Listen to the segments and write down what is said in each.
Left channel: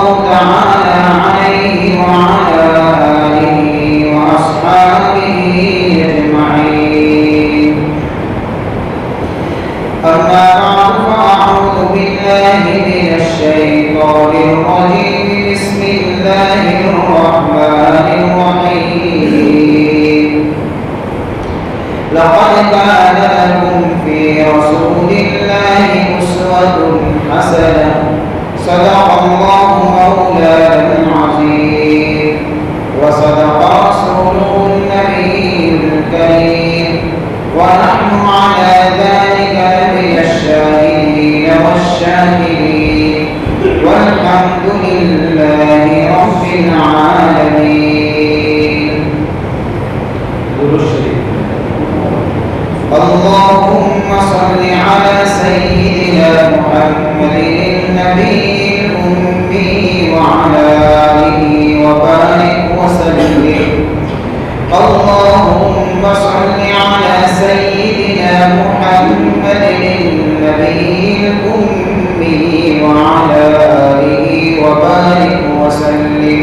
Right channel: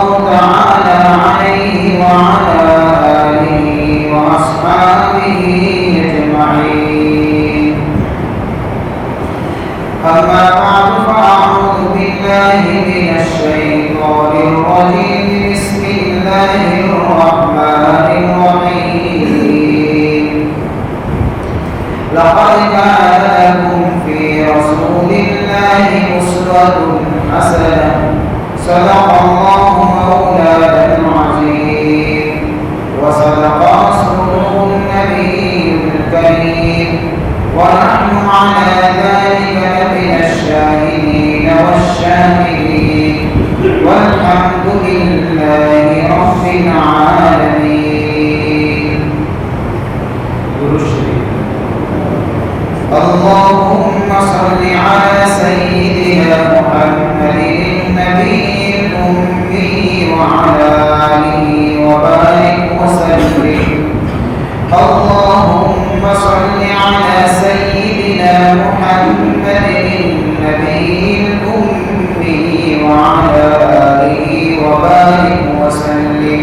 الله تعالى عليه وعلى آله وأصحابه أجمعين. أما بعد فأعوذ بالله من الشيطان الرجيم. بسم الله الرحمن الرحيم. لقد كان لكم في رسول الله أسوة حسنة. صدق الله مولانا العظيم وصدق رسوله النبي الكريم، ونحن على ذلك من الشاهدين والشاكرين، والحمد لله رب العالمين. اللهم صل على سيدنا محمد النبي الأمي وعلى آله وبارك وسلم. اللهم صل على سيدنا محمد النبي الأمي وعلى آله وبارك وسلم.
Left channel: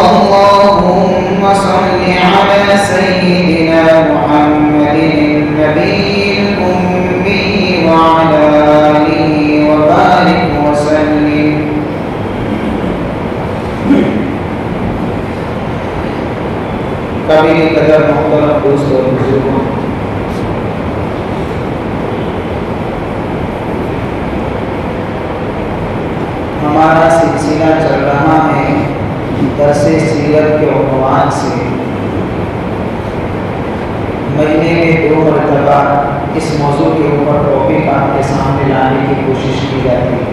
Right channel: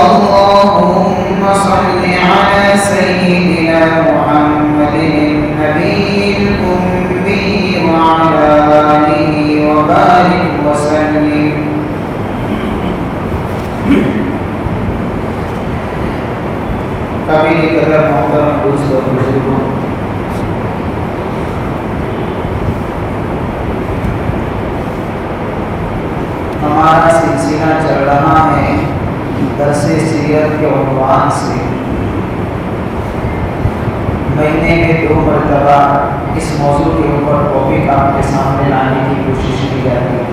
اللهم صل على سيدنا محمد النبي الأمي وعلى آله وبارك وسلم. قابل قدر محترم دوست اور بزرگوں، ہمارا سلسلہ چل رہا ہے درس سیرت کے عنوان سے. مہینے میں 2 مرتبہ اس موضوع کے اوپر ٹاپک آپ کے سامنے لانے کی کوشش کی جاتی ہے.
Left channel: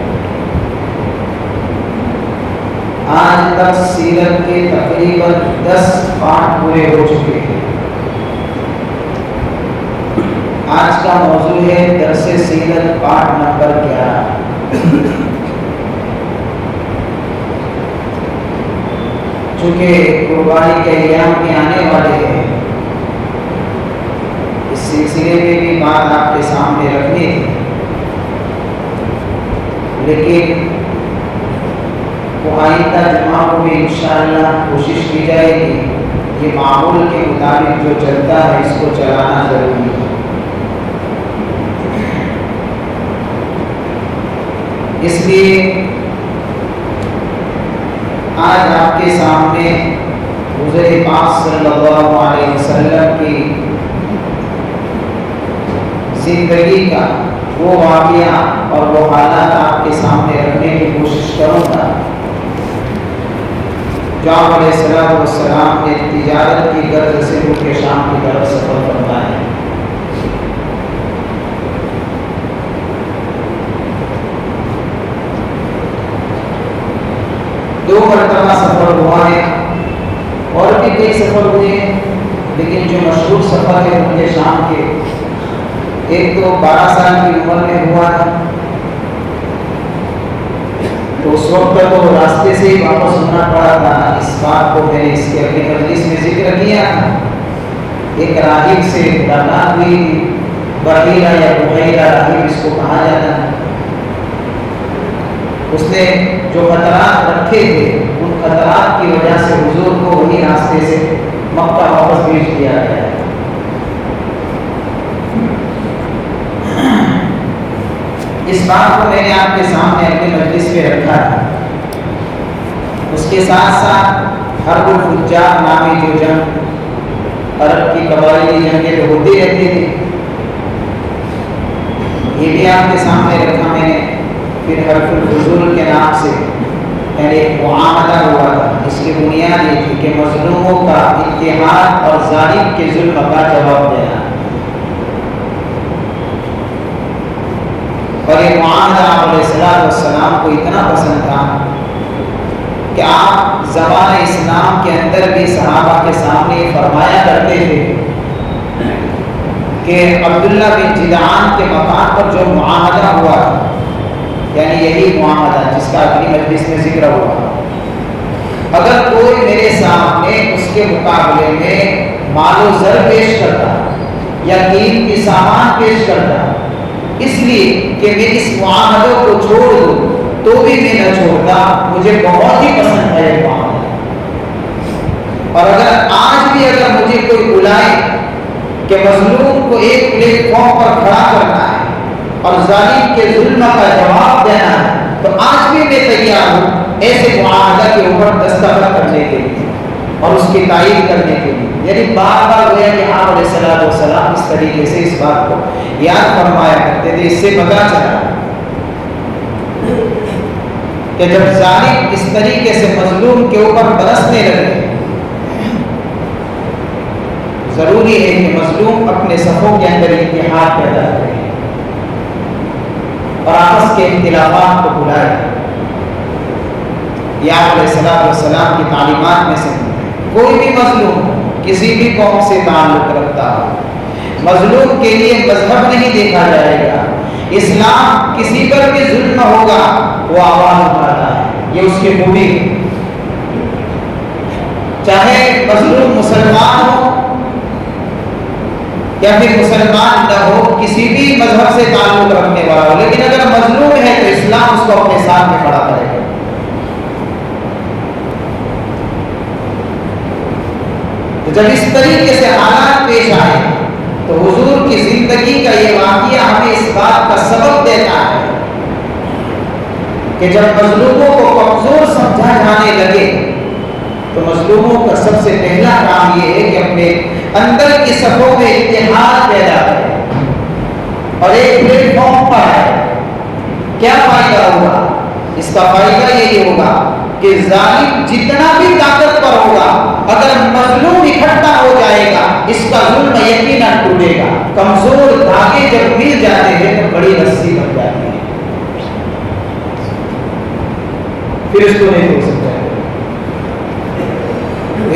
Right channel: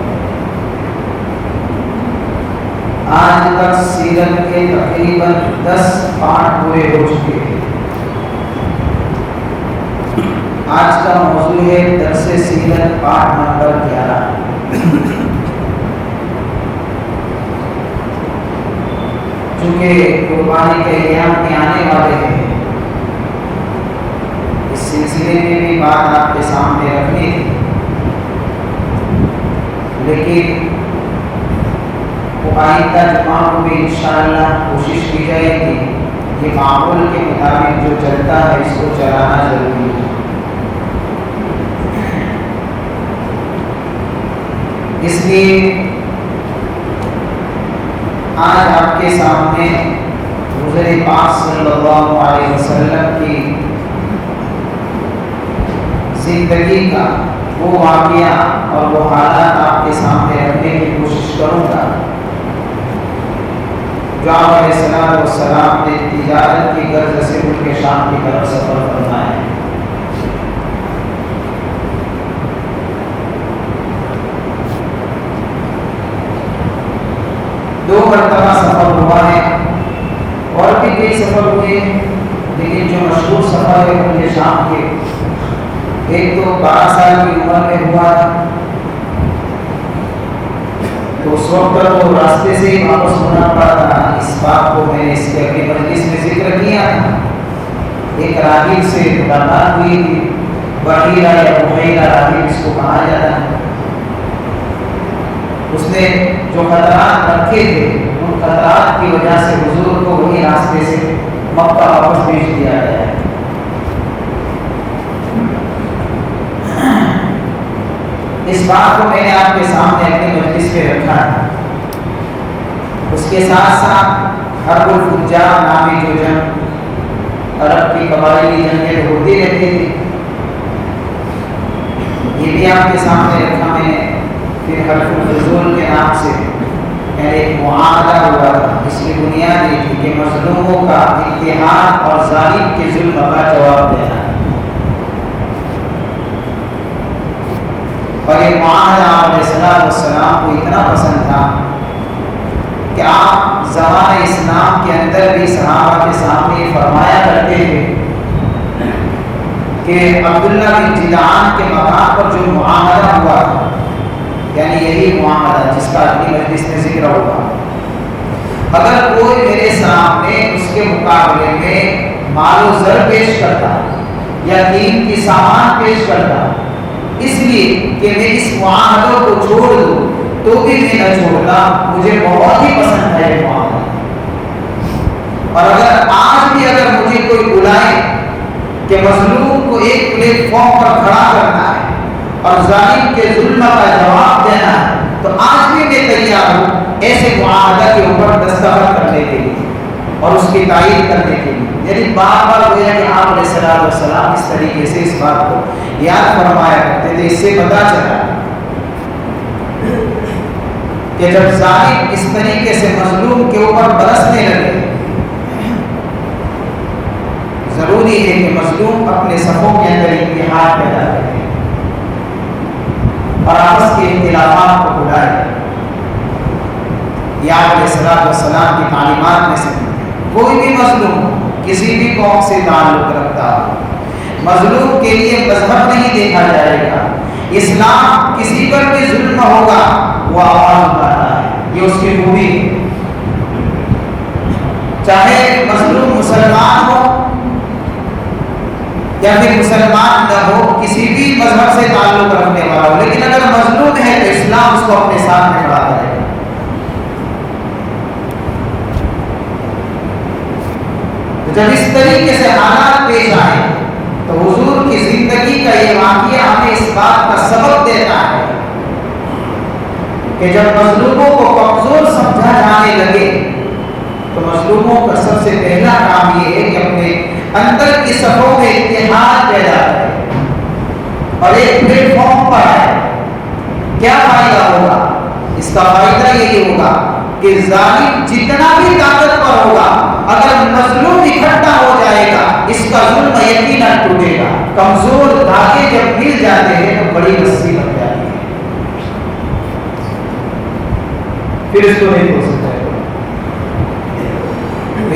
آج تک سیرت کے تقریباً 10 پارٹ پورے ہو چکے ہیں. آج کا موضوع ہے درس سیرت پارٹ نمبر 11. چونکہ قربانی کے ایام بھی آنے والے ہیں، اس سلسلے میں بھی بات آپ کے سامنے رکھنی ہے، لیکن وہ آئندہ جمعہ میں انشاءاللہ کوشش کی جائے گی کہ معمول کے مطابق جو چلتا ہے اس کو چلانا ضروری ہے. اس لیے آج آپ کے سامنے حضور پاک صلی اللہ علیہ وسلم کی زندگی کا وہ واقعہ اور وہ حالات آپ کے سامنے رکھنے کی کوشش کروں گا جو آپ علیہ السلام نے تجارت کی غرض سے ملک شام کی طرف سفر فرمایا ہے. دو مرتبہ سفر ہوا ہے اور بھی کئی سفر ہوئے ہیں، لیکن جو مشہور سفر ہے ملک شام کے، ایک تو 12 سال کی عمر میں ہوا تھا، تو اس وقت تو راستے سے ہی واپس ہونا پڑا تھا. اس بات کو میں نے اس کے اپنی مجلس میں ذکر کیا تھا. ایک راہب سے ملاقات ہوئی تھی، بحیرہ یا بحیرہ راہب اس کو کہا جاتا ہے. اس نے جو خطرات رکھے تھے ان خطرات کی وجہ سے حضور کو وہی راستے سے مکہ واپس بھیج دیا گیا ہے. اس بات کو میں نے آپ کے سامنے اپنی مجلس میں رکھا ہے. اس کے ساتھ ساتھ حرب الفجار نامی جو جنگ، عرب کی قبائلی جنگیں تو ہوتی رہتی تھی، یہ بھی آپ کے سامنے رکھا میں نے. پھر حلف الفضول کے نام سے یعنی ایک معاہدہ ہوا تھا. اس کی بنیاد یہ تھی کہ مظلوموں کا اتحاد اور ظالم کے ظلم کا جواب دینا. اور یہ معاہدہ علیہ السلام کو اتنا پسند تھا کہ آپ زمان اسلام کے اندر بھی صحابہ کے سامنے فرمایا کرتے تھے کہ عبداللہ بن جدعان کے مقام پر جو معاہدہ ہوا تھا، یعنی یہی معاہدہ جس کا اپنی مجلس میں ذکر ہوا، اگر کوئی میرے سامنے اس کے مقابلے میں مال و زر پیش کرتا یا قیمتی سامان پیش کرتا، اس لیے کہ میں اس معاہدوں کو چھوڑ دوں تو بھی میں نہ چھوڑتا، مجھے بہت ہی پسند ہے یہ معاملہ۔ اور اگر آج بھی اگر مجھے کوئی بلائے کہ مظلوم کو ایک پلیٹ فارم پر کھڑا کرنا ہے اور ظالم کے ظلم کا جواب دینا ہے، تو آج بھی میں تیار ہوں ایسے معاہدہ کے اوپر دستخط کرنے کے لیے اور اس کی تائید کرنے کے لیے۔ یعنی بار بار گویا کہ آپ علیہ السلام اس طریقے سے اس بات کو یاد فرمایا کرتے تھے۔ اس سے پتہ چلا کہ جب ظالم اس طریقے سے مظلوم کے اوپر برسنے لگے، ضروری ہے کہ مظلوم اپنے صفوں کے اندر اتحاد پیدا کرے اور آپس کے اختلافات کو بلائے۔ یہ آپ علیہ السلام کی تعلیمات میں سے کوئی بھی مظلوم کسی بھی قوم سے تعلق رکھتا ہو، مظلوم کے لیے مذہب نہیں دیکھا جائے گا۔ اسلام کسی پر بھی ظلم ہوگا وہ آواز اٹھاتا ہے، یہ اس کی خوبی ہے۔ چاہے مظلوم مسلمان ہو یا پھر مسلمان نہ ہو، کسی بھی مذہب سے تعلق رکھنے والا ہو، لیکن اگر مظلوم ہے تو اسلام اس کو اپنے سامنے کھڑا کرے گا۔ جب اس طریقے سے حالات پیش آئے تو حضور کی زندگی کا یہ واقعہ ہمیں اس بات کا سبق دیتا ہے کہ جب مظلوموں کو کمزور سمجھا جانے لگے تو مظلوموں کا سب سے پہلا کام یہ ہے کہ اپنے اندر کی صفوں میں اتحاد پیدا کرے اور ایک پلیٹ فارم پر آئے۔ کیا فائدہ ہوگا؟ اس کا فائدہ یہی ہوگا کہ ظالم جتنا بھی طاقتور ہوگا، اگر مظلوم اکٹھا ہو جائے گا اس کا ظلم یقیناً ٹوٹے گا۔ کمزور دھاگے جب مل جاتے ہیں تو بڑی رسی بن جاتی ہے، پھر اس کو نہیں توڑ سکتا۔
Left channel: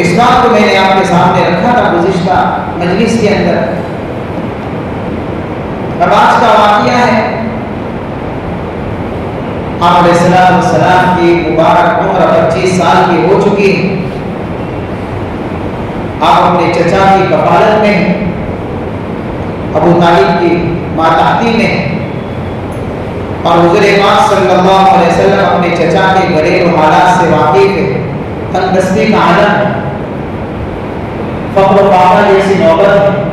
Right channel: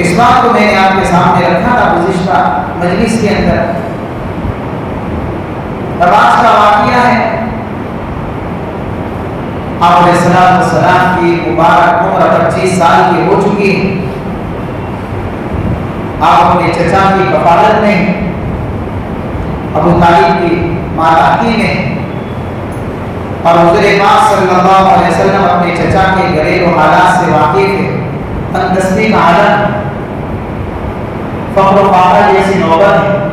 اس بات کو میں نے آپ کے سامنے رکھا تھا گزشتہ مجلس کے اندر۔ اب آج کا واقعہ ہے، آپ علیہ السلام کی مبارک عمر 25 سال کی ہو چکی ہے۔ آپ اپنے چچا کی کفالت میں، ابو طالب کی ماتحتی میں، اور حضور پاک صلی اللہ علیہ وسلم اپنے چچا کے گھریلو حالات سے واقف ہے۔ تندرستی کا عالم، فقر و فاقہ جیسی نوبت ہے۔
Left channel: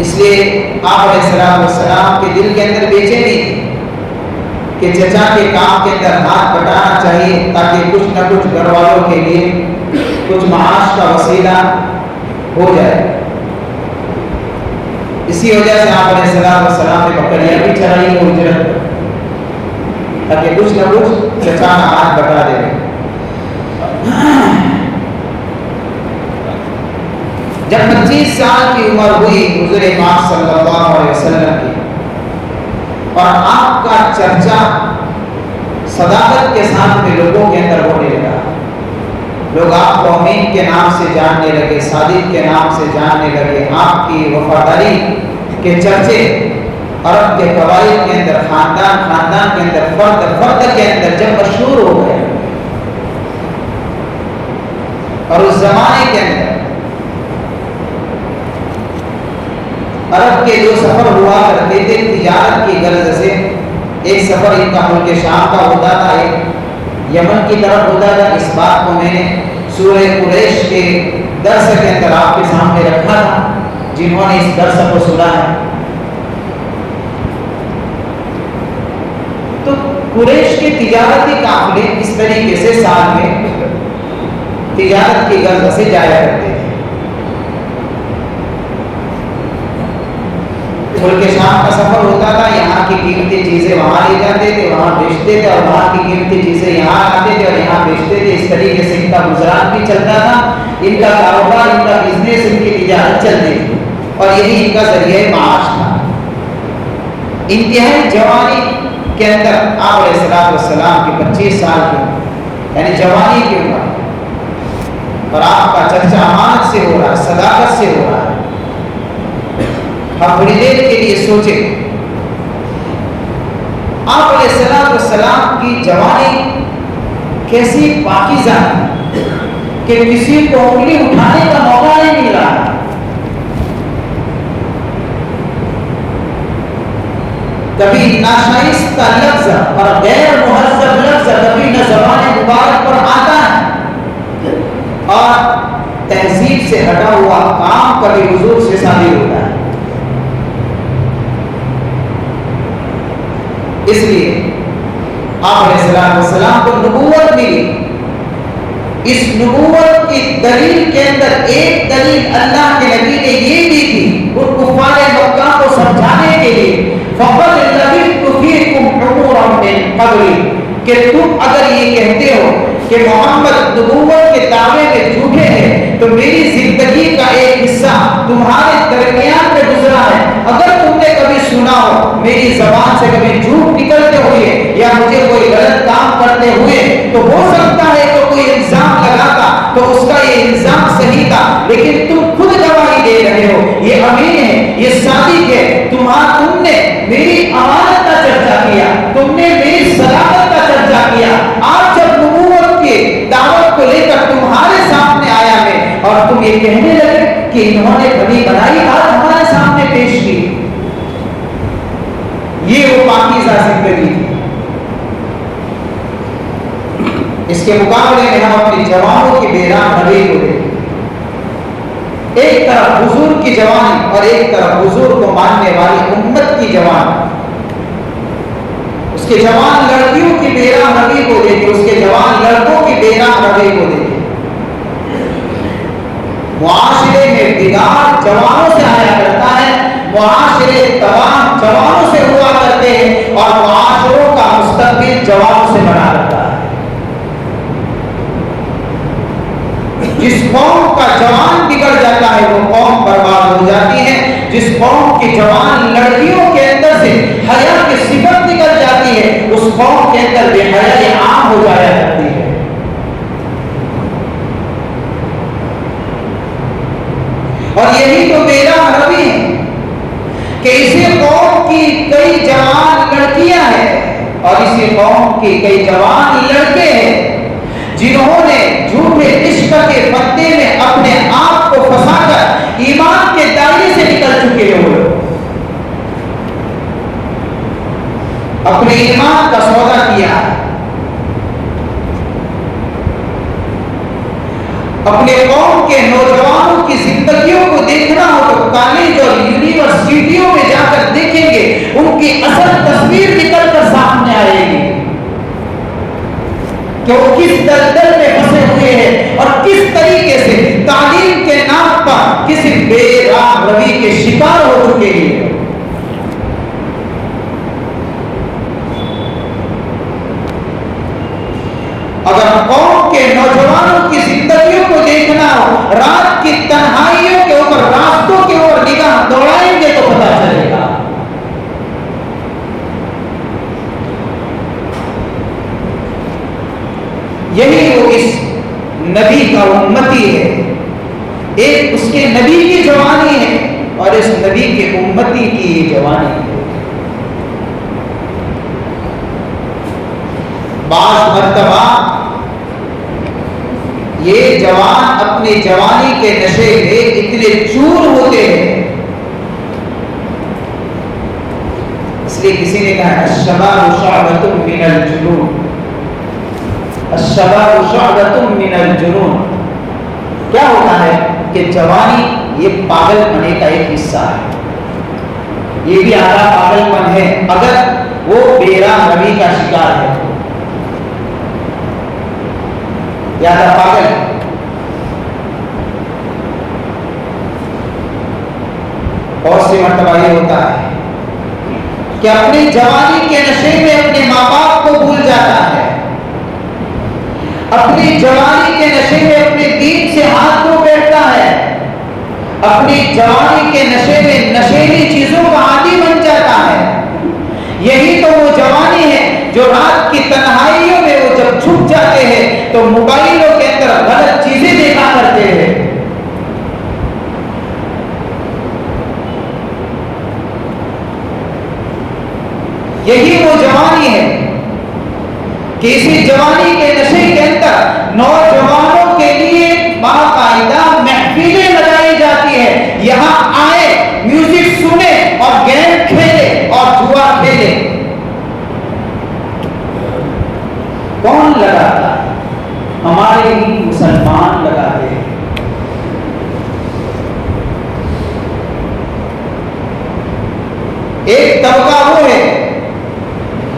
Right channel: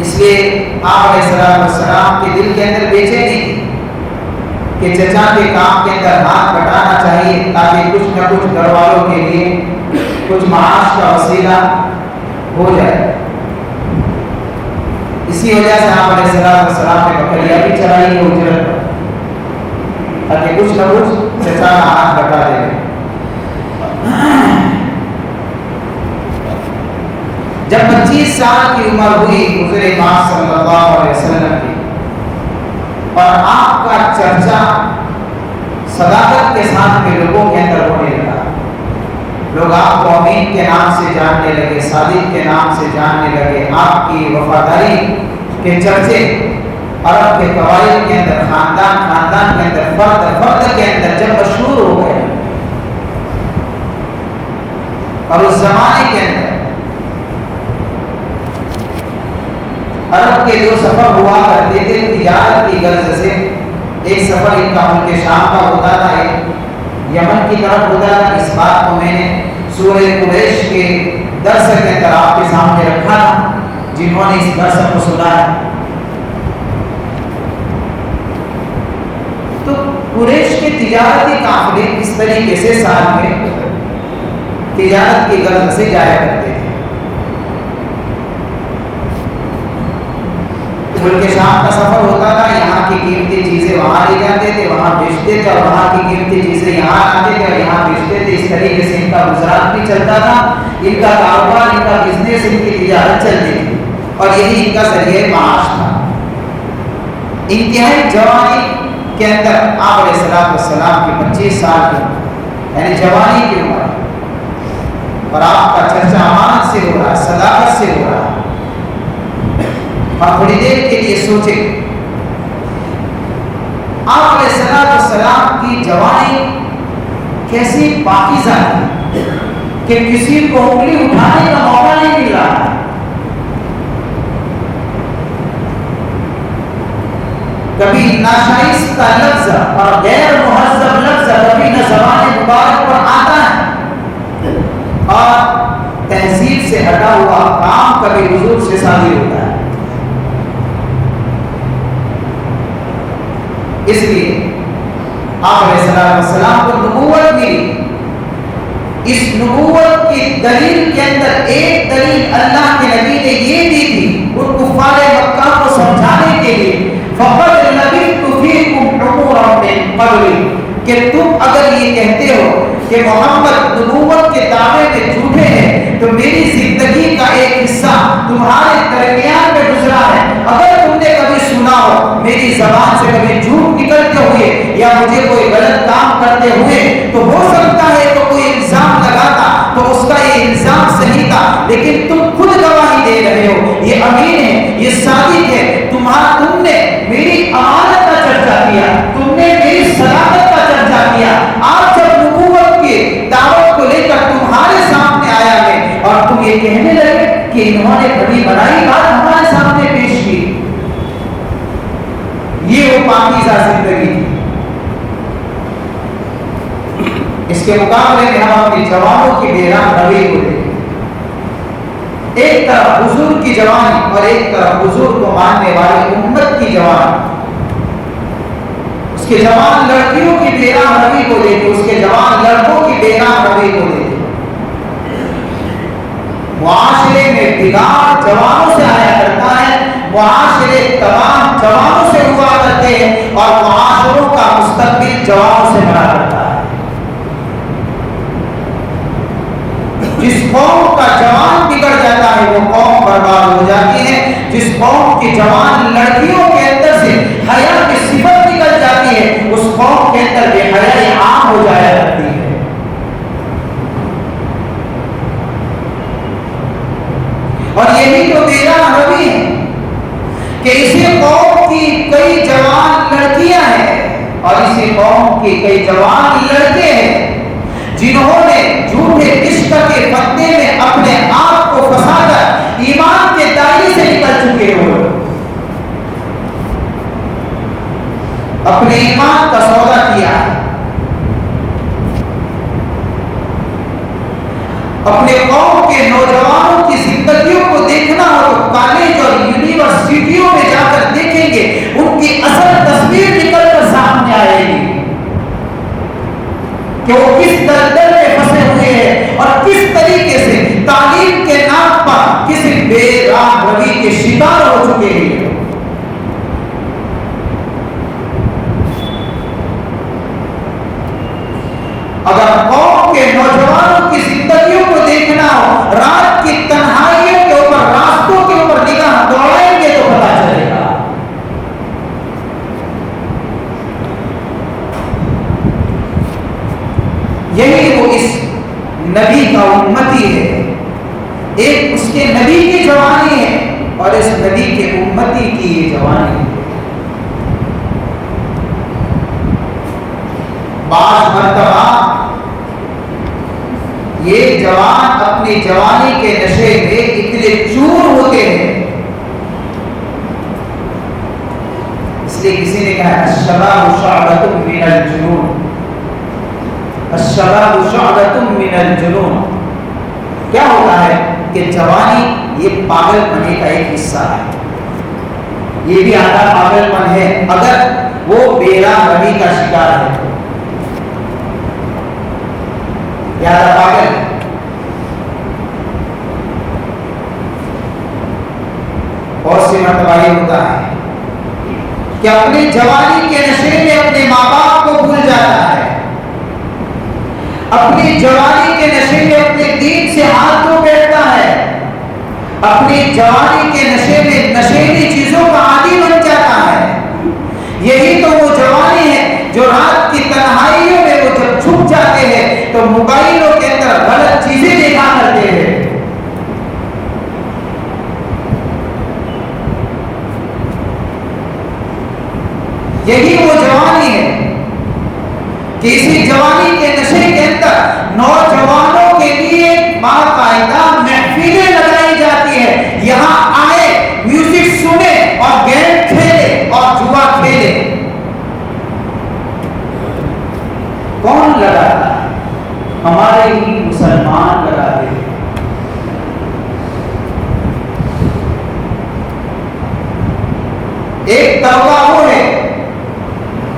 اس لیے آپ علیہ السلام کے دل کے اندر بے چینی تھی کہ چچا کے کام کے اندر ہاتھ بٹانا چاہیے تاکہ کچھ نہ کچھ گھر والوں کے لیے کچھ معاش کا وسیلہ ہو جائے۔ اسی وجہ سے آپ علیہ السلام نے بکریاں بھی چرائی ہیں اجرت پر تاکہ کچھ نہ کچھ چچا کا ہاتھ بٹا دے۔ جب 25 سال کی عمر ہوئی حضور پاک صلی اللہ علیہ وسلم کی، اور آپ کا چرچا صداقت کے ساتھ میں لوگوں کے اندر ہونے لگا، لوگ آپ کو امین کے نام سے جاننے لگے، صادق کے نام سے جاننے لگے۔ آپ کی وفاداری کے چرچے عرب کے قبائل کے اندر، خاندان خاندان کے اندر، فرد فرد کے اندر جب مشہور ہو گئے، اور اس زمانے کے اندر عرب کے جو سفر ہوا کرتے تھے تجارت کی غرض سے، ایک سفر ان کا ملک شام کا ہوتا تھا، ایک یمن کی طرف ہوتا تھا۔ اس بات کو میں نے سورہ قریش کے درس کے اندر آپ کے سامنے رکھا تھا، جنہوں نے اس درس کو سنا ہے۔ تو قریش کے تجارتی قافلے اس طریقے سے ساتھ میں تجارت کی غرض سے جایا کرتے تھے۔ ملک شام کا سفر ہوتا تھا، یہاں کی قیمتی چیزیں وہاں لے جاتے تھے، وہاں بیچتے تھے، اور وہاں کی قیمتی چیزیں یہاں آتے تھے اور یہاں بیچتے تھے۔ اس طریقے سے ان کا گزران بھی چلتا تھا، ان کا کاروبار، ان کا بزنس، ان کی تجارت چلتی تھی، اور یہی ان کا ذریعہ معاش تھا۔ انتہائی جوانی کے اندر آپ علیہ السلام کی 25 سال کی یعنی جوانی کی عمر، اور آپ کا چرچا امانت سے ہو رہا ہے، صداقت سے ہو رہا ہے۔ آپ تھوڑی دیر کے لیے سوچیں، آپ علیہ السلام کی جوانی کیسی پاکیزہ ہے کہ کسی کو انگلی اٹھانے کا موقع نہیں مل رہا۔ کبھی ناشائستہ لفظ اور غیر مہذب لفظ کبھی نہ زبان مبارک پر آتا ہے، اور تہذیب سے ہٹا ہوا کام کبھی حضور سے صادر ہوتا ہے۔ اس لیے آپ علیہ السلام کو نبوت ملی۔ اس نبوت کی دلیل کے اندر ایک دلیل اللہ کے نبی نے یہ دی تھی ان کفار مکہ کو سمجھانے کے لیے، فَقَدْ لَبِثْتُ فِيكُمْ عُمُرًا مِّن قَبْلِ، کہ تم اگر یہ کہتے ہو کہ محمد نبوت کے دعوے میں جھوٹے ہیں تو میری زندگی کا ایک حصہ تمہارے درمیان میں گزرا ہے، اگر تم نے کبھی سنا ہو میری زبان سے کبھی جھوٹ نکلتے ہوئے یا مجھے کوئی غلط کام کرتے ہوئے تو ہو سکتا ہے تو کوئی الزام لگاتا تو اس کا یہ الزام صحیح تھا، لیکن تم خود گواہی دے رہے ہو، یہ امین ہے، یہ صادق ہے، تم نے میری امانت کا چرچا کیا، تم نے میری صداقت کا چرچا کیا۔ آج جب نبوت کی دعوت کو لے کر تمہارے سامنے آیا میں اور تم یہ کہنے لگے کہ انہوں نے کبھی بڑائی بات ہمارے سامنے پیش کی، یہ وہ پاکیزہ زندگی تھی۔ اس کے مقابلے میں ہم اپنی جوانوں کی بیرام روی کو دیکھیں، ایک طرف حضور کی جوانی اور ایک طرف حضور کو ماننے والی امت کی جوانی، اس کے جوان لڑکیوں کی بیرام روی کو دیکھیں، اس کے جوان لڑکوں کی بیرام روی کو دیکھیں۔ معاشرے میں بگاڑ جوانوں سے آیا کرتا ہے، معاشرے تمام جوانوں سے ہوا کرتے ہیں اور معاشروں کا مستقبل جوانوں سے بنا کرتا ہے۔ جس قوم کا جوان بگڑ جاتا ہے وہ قوم برباد ہو جاتی ہے، جس قوم کی جوان لڑکیوں کے اندر سے حیا کی صفت نکل جاتی ہے اس قوم کے اندر بے حیائی عام ہو جایا کرتی ہے۔ اور یہی تو میرا روی ہے کہ اسی قوم کی کئی جوان لڑکیاں ہیں اور اسی قوم کی کئی جوان لڑکے ہیں جنہوں نے جھوٹے عشق کے پردے میں اپنے آپ کو پھنسا کر ایمان کے دائرے سے نکل چکے ہوئے، اپنے ایمان کا سودا کیا ہے، اپنے قوم کے نوجوانوں کی زندگیوں کو دیکھنا ہو تو کالج اور یونیورسٹیوں میں جا کر دیکھیں گے، ان کی اصل تصویر نکل کر سامنے آئے گی کہ وہ کس دلدل میں پھنسے ہوئے ہیں اور کس طریقے سے تعلیم کے نام پر کسی بے راہ روی کے شکار ہو چکے ہیں۔ اگر قوم کے نوجوانوں کی زندگیوں کو دیکھنا ہو، رات کی تنہائیوں کے اوپر، راستوں کے اوپر نگاہ دوڑائیں گے تو پتہ چلے گا۔ یہی وہ اس نبی کا امتی ہے، ایک اس کے نبی کی جوانی ہے اور اس نبی کے امتی کی یہ جوانی ہے۔ بعض مرتبہ یہ جوان اپنی جوانی کے نشے میں اتنے چور ہوتے ہیں، اس لیے کسی نے کہا الشباب شعبۃ من الجنون، الشباب شعبۃ من الجنون۔ کیا ہوتا ہے کہ جوانی یہ پاگل پنے کا ایک حصہ ہے، یہ بھی آدھا پاگل پن ہے اگر وہ بیرام روی کا شکار ہے، آدھا پاگل۔ اور سی مرتبہ یہ ہوتا ہے کہ اپنی جوانی کے نشے میں اپنے ماں باپ کو بھول جاتا ہے، اپنی جوانی کے نشے میں اپنے دین سے ہاتھ دھو بیٹھتا ہے، اپنی جوانی کے نشے میں نشیلی چیزوں کا عادی بن جاتا ہے۔ یہی تو وہ جوانی ہے جو رات کی تنہائیوں میں وہ جب چھپ جاتے ہیں تو موبائلوں کے اندر غلط چیزیں دیکھا کرتے ہیں۔ یہی وہ جوانی ہے کہ اسی جوانی کے نشے کے اندر نوجوانوں کے لیے باقاعدہ محفلیں لگائی جاتی ہے، یہاں آئے، میوزک سنے اور گیم کھیلے اور جوا کھیلے۔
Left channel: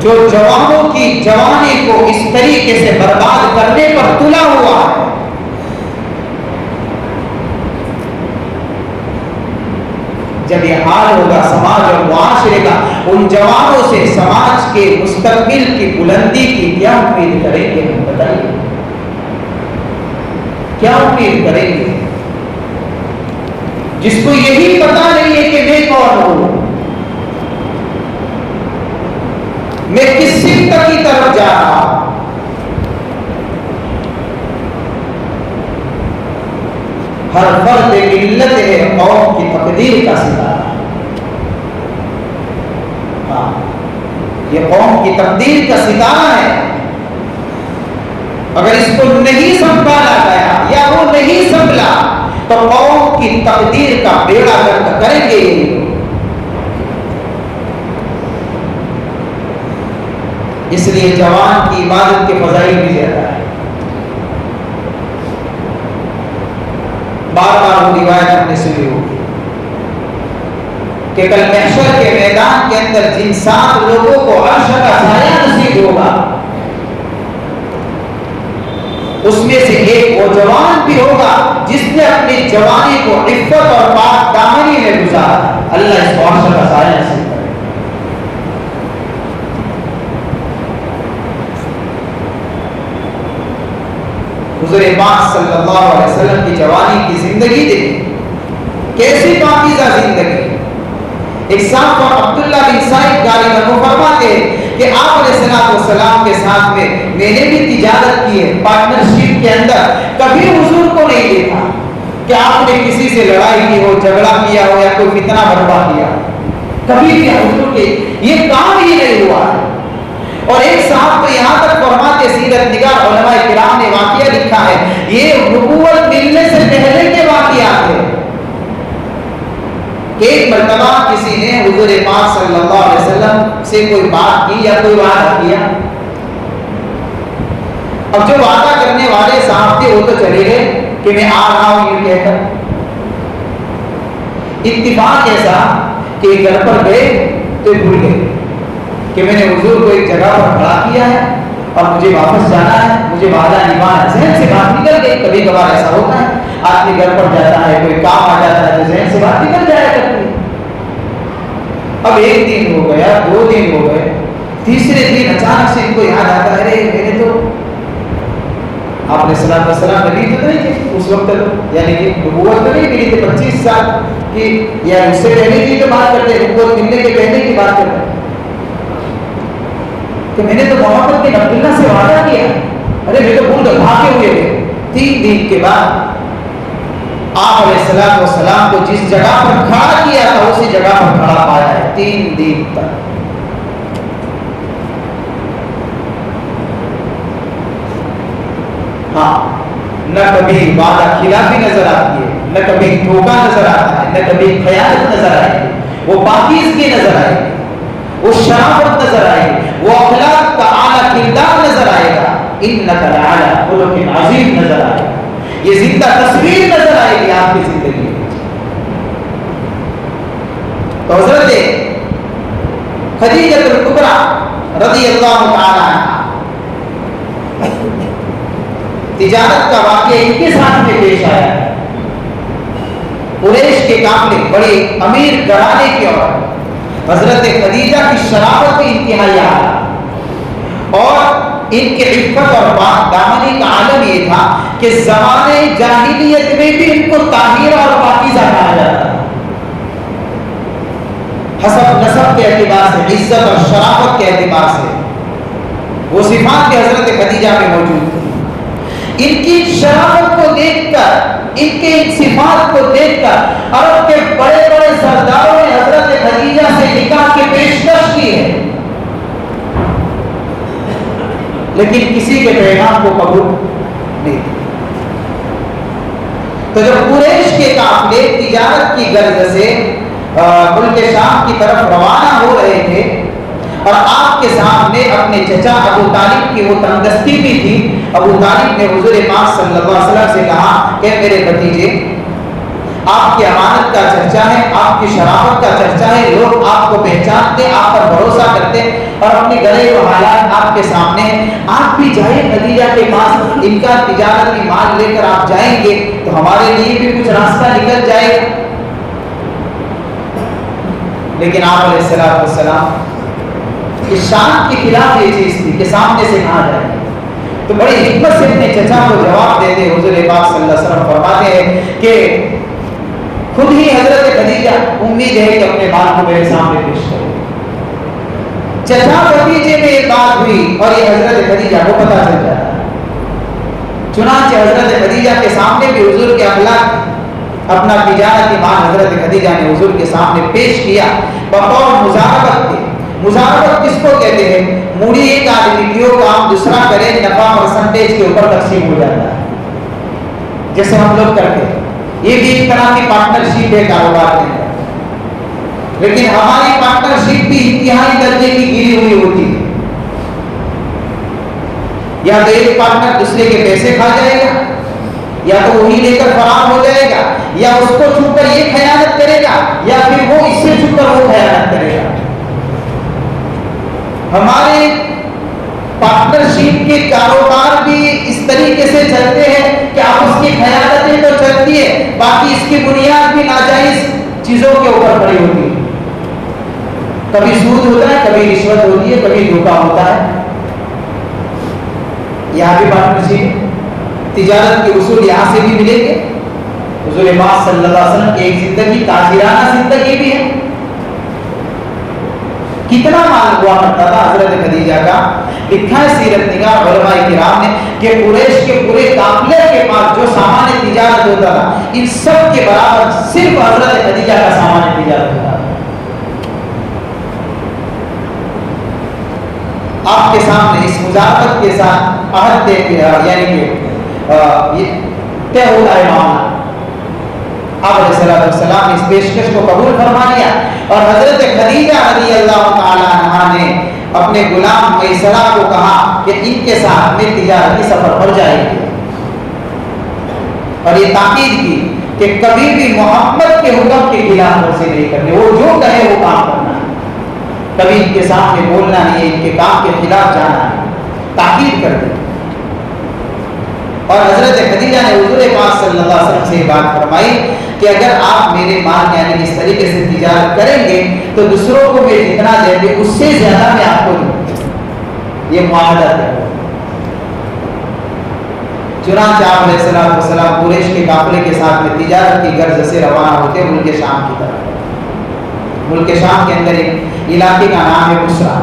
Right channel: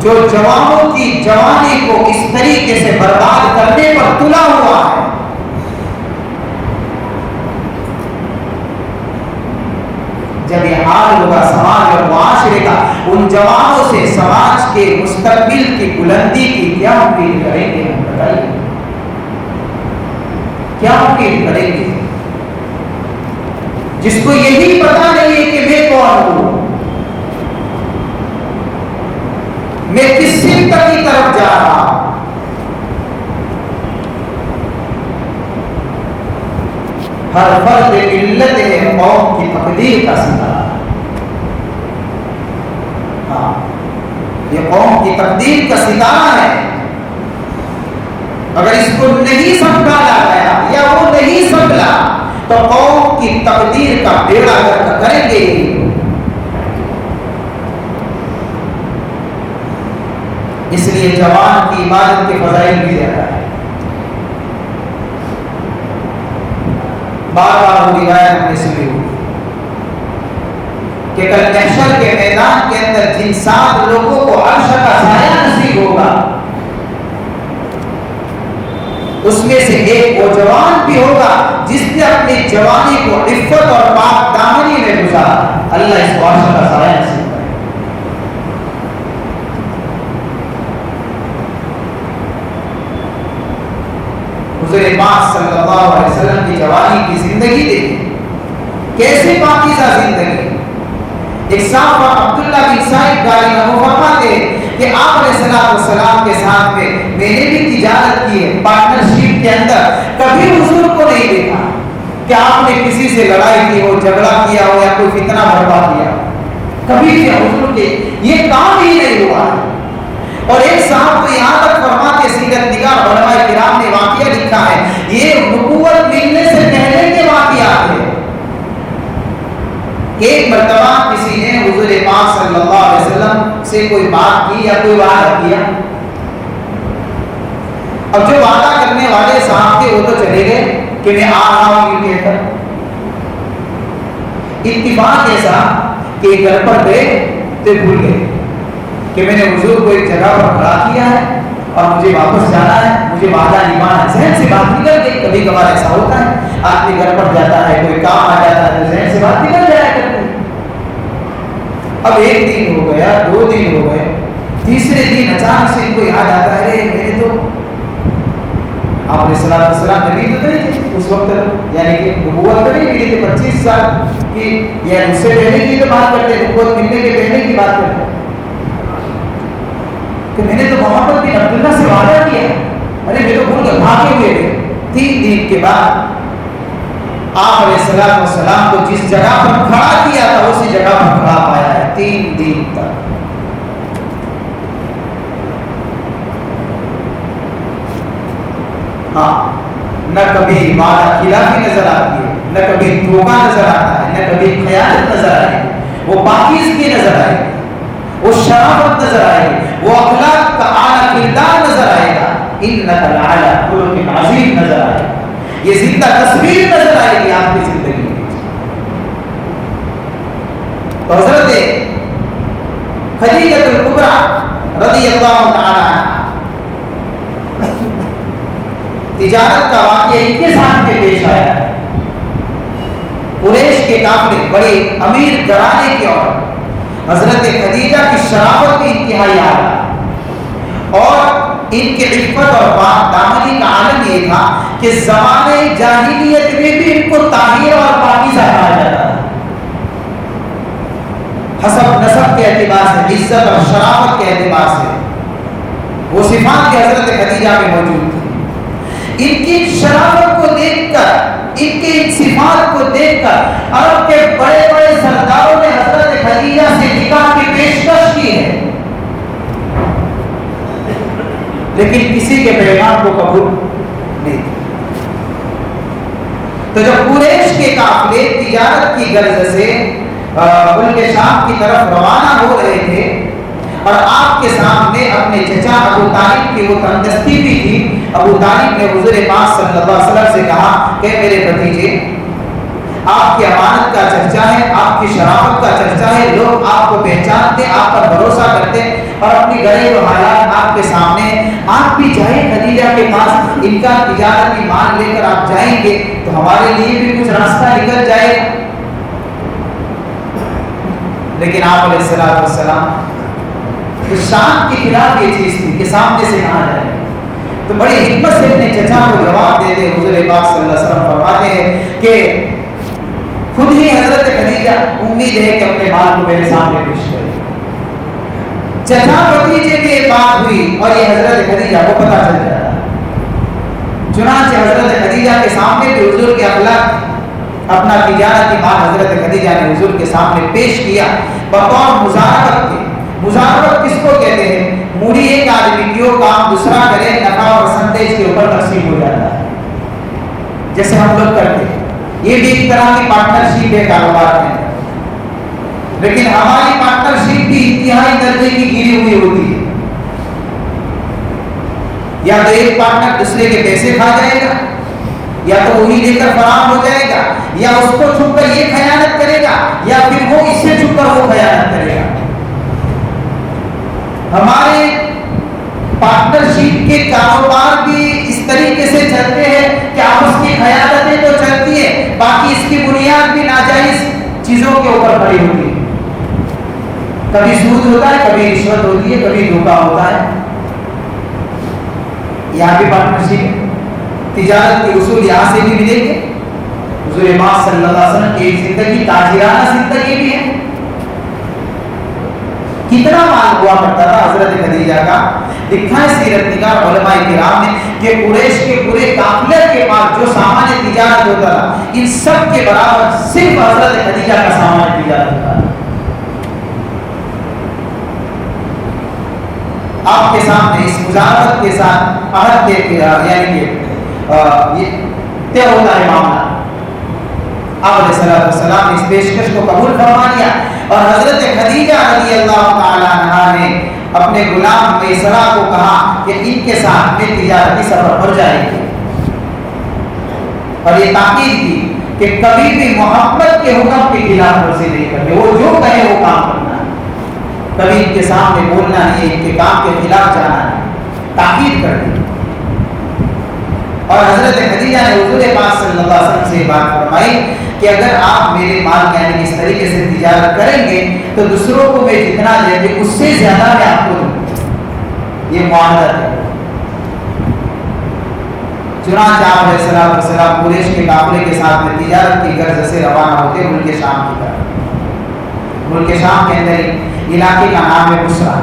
جو جوانوں کی جوانی کو اس طریقے سے برباد کرنے پر تلا ہوا ہے. جب یہ حال ہوگا سماج اور معاشرے کا، ان جوانوں سے سماج کے مستقبل کی بلندی کی کیا امید کریں گے؟ ہم بتائیے، کیا امید کریں گے جس کو یہی پتا نہیں ہے کہ میں کون ہوں، میں کس سمت کی طرف جا رہا ہوں. ہر فرد ملت ہے قوم کی تقدیر کا ستارہ. ہاں، یہ قوم کی تقدیر کا ستارہ ہے. اگر اس کو نہیں سنبھالا گیا یا وہ نہیں سنبھلا تو قوم کی تقدیر کا بیڑا گرک کریں گے. اس لیے جوان کی عبادت کے فضائل بھی زیادہ ہے. بار بار وہ روایت ہم نے سنی ہوگی کہ کل محشر کے میدان کے اندر جن 7 لوگوں کو عرش کا سایہ نصیب ہوگا اس میں سے ایک وہ جوان بھی ہوگا جس نے اپنی جوانی کو عفت اور پاک دامنی میں گزارا. اللہ اس کو عرش کا سایہ نصیب کرے. حضور پاک صلی اللہ علیہ وسلم کی جوانی کی زندگی دیکھی، کیسی پاکیزہ زندگی. ایک صاحب عبداللہ بن سائب غالب عنہ فرماتے ہیں کہ آپ علیہ السلام کے ساتھ میں نے بھی تجارت کی ہے، پارٹنرشپ کے اندر کبھی حضور کو نہیں دیکھا کہ آپ نے کسی سے لڑائی کی ہو، جھگڑا کیا ہو یا کوئی فتنہ برپا کیا. کبھی بھی حضور کے یہ کام ہی نہیں ہوا. اور ایک صاحب تو یہاں تک فرماتے، سیرت نگار علماء کرام نے واقعہ لکھا ہے، یہ نبوت ملنے سے پہلے کے واقعات ہیں کہ ایک مرتبہ کسی نے حضور پاک صلی اللہ علیہ وسلم سے کوئی بات کی یا کوئی وعدہ کیا. اب جو وعدہ کرنے والے صاحب تھے وہ تو چلے گئے کہ میں آ رہا ہوں یہ کہہ کر. اتفاق ایسا کہ گھر پر گئے تو بھول گئے کہ میں نے حضور کو ایک جگہ پر کھڑا کیا ہے اور مجھے واپس جانا ہے، مجھے وعدہ نبھانا ہے. ذہن سے بات نکل گئی. کبھی کبھار ایسا ہوتا ہے، آدمی گھر پر جاتا ہے، کوئی کام آ جاتا ہے تو ذہن سے بات نکل جایا کرتی ہے. اب 1 دن ہو گیا، 2 دن ہو گئے، تیسرے دن اچانک سے ان کو یاد آتا ہے، ارے میں نے تو آپ علیہ السلام نبی تو نہیں تھے اس وقت، یعنی کہ نبوت تو نہیں ملی تھی 25 سال کی، یا اس سے پہلے کی تو بات کرتے ہیں، نبوت ملنے کے پہلے کی بات کرتے ہیں کہ میں نے تو محمد بن عبداللہ سے وعدہ کیا. ارے میں تو بھول کر بھاگے ہوئے تھے. 3 دن کے بعد آپ علیہ السلام کو جس جگہ پر کھڑا کیا تھا اسی جگہ پر کھڑا پایا ہے 3 دن تک. ہاں، نہ کبھی وعدہ خلافی نظر آتی ہے، نہ کبھی دھوکہ نظر آتا ہے، نہ کبھی خیانت نظر آئی. وہ پاکیزگی نظر آئی، وہ شرافت نظر آئے، وہ اخلاق کا اعلیٰ کردار نظر آئے گا. انک لعلی خلق عظیم نظر آئے گا. یہ زندہ تصویر نظر آئے گی آپ کی زندگی میں. تو حضرت خدیجہ الکبریٰ رضی اللہ تعالی عنہا تجارت کا واقعہ ان کے ساتھ میں پیش آیا. قریش کے قافلے، بڑے امیر گھرانے کی عورت حضرت خدیجہ کی شرافت کی انتہائی اعلیٰ اور ان کے عفت اور پاک دامنی کا عالم یہ تھا کہ زمانے جاہلیت میں بھی ان کو طاہرہ اور پاکیزہ کہا جاتا تھا. حسب نسب کے اعتبار سے، عزت اور شرافت کے اعتبار سے وہ صفات کے حضرت خدیجہ میں موجود تھی. ان کی شرافت کو دیکھ کر، ان کے ان صفات کو دیکھ کر عرب کے بڑے بڑے سرداروں نے حضرت خدیجہ سے نکاح کی پیشکش کی ہے، لیکن کسی کے پیغام کو قبول نہیں کیا. تو جب قریش کے قافلے تجارت کی غرض سے ملک شام کی طرف روانہ ہو رہے تھے اور آپ کے سامنے اپنے چچا ابو طالب کی وہ تندرستی بھی تھی، ابو طالب نے حضور پاک صلی اللہ علیہ وسلم سے کہا کہ میرے بھتیجے، آپ کی امانت کا چرچا ہے، آپ کی شرافت کا چرچا ہے، لوگ آپ کو پہچانتے، آپ پر بھروسہ کرتے، اور اپنے گھریلو حالات آپ کے سامنے، آپ بھی جائیں خدیجہ کے پاس، ان کا تجارتی مال لے کر آپ جائیں گے تو ہمارے لیے بھی کچھ راستہ نکل جائے گا۔ لیکن آپ علیہ السلام کی شان کے خلاف یہ چیز تھی کہ سامنے سے کہا جائے، تو بڑی حکمت سے اپنے چچا کو جواب دے دے۔ حضور پاک صلی اللہ علیہ وسلم فرماتے ہیں کہ خود ہی حضرت خدیجہ امید ہے کہ اپنے مال کو میرے سامنے پیش کرے۔ چچا بھتیجے میں ایک بات ہوئی اور یہ حضرت خدیجہ کو پتہ چل جاتا، چنانچہ حضرت خدیجہ کے سامنے بھی حضور کے اخلاق، اپنا تجارتی مال حضرت خدیجہ نے حضور کے سامنے پیش کیا بطور مزاربت کے۔ مزاربت کس کو کہتے ہیں؟ موڑی ایک آدمی کی وہ کام دوسرا کرے، نفع اور پرسنٹیج کے اوپر تقسیم ہو جاتا ہے، جیسے ہم لوگ کرتے ہیں۔ یہ بھی ایک طرح کی پارٹنرشپ ہے کاروبار میں، لیکن ہماری پارٹنرشپ بھی انتہائی درجے کی گری ہوئی ہوتی ہے۔ یا تو ایک پارٹنر دوسرے کے پیسے کھا جائے گا، یا تو وہی لے کر فرار ہو جائے گا، یا اس کو چھپ کر یہ خیانت کرے گا، یا پھر وہ اس سے چھپ کر وہ خیانت کرے گا۔ ہمارے پارٹنرشپ کے کاروبار بھی اس طریقے سے چلتے ہیں کہ آپس کی خیانتیں تو چلتی ہے، باقی اس کی بنیاد بھی ناجائز چیزوں کے اوپر کھڑی ہوتی ہے۔ کبھی سود ہوتا ہے، کبھی رشوت ہوتی ہے، کبھی دھوکہ ہوتا ہے۔ یہاں بھی پارٹنرشپ، تجارت کے اصول یہاں سے بھی ملیں گے۔ حضور پاک صلی اللہ علیہ وسلم کی ایک زندگی تاجرانہ زندگی بھی ہے۔ کتنا مال ہوا کرتا تھا حضرت خدیجہ کا، لکھا ہے سیرت نگار علماء کرام نے کہ قریش کے پورے قافلے کے پاس جو سامان تجارت ہوتا تھا، ان سب کے برابر صرف حضرت خدیجہ کا سامان تجارت ہوتا تھا۔ آپ کے سامنے اس مزاربت کے ساتھ عہد یعنی کہ یہ طے ہوتا ہے معاملہ۔ آپ علیہ السلام نے اس پیشکش کو قبول فرما لیا اور حضرت خدیجہ رضی اللہ تعالی عنہا نے اپنے غلام میسرہ کو کہا کہ ان کے ساتھ میں تجارتی سفر پر جائے گی، اور یہ تاکید کی کہ کبھی بھی محمد کے حکم کے خلاف ورزی نہیں کرنی، وہ جو کہے وہ کام کرنا ہے، کبھی ان کے سامنے بولنا نہیں، ان کے کام کے خلاف جانا ہے، تاکید کر دی۔ اور حضرت خدیجہ نے حضور پاک صلی اللہ علیہ وسلم سے یہ بات فرمائی کہ اگر آپ میرے مال کا یعنی اس طریقے سے تجارت کریں گے تو دوسروں کو میں جتنا دے دیں اس سے زیادہ میں آپ کو دوں، یہ معاہدہ ہے۔ چنانچہ آپ علیہ السلام قریش کے قافلے کے ساتھ میں تجارت کی غرض سے روانہ ہوتے ملک شام کی طرف۔ ملک شام کے اندر ایک علاقے کا نام ہے بصرہ۔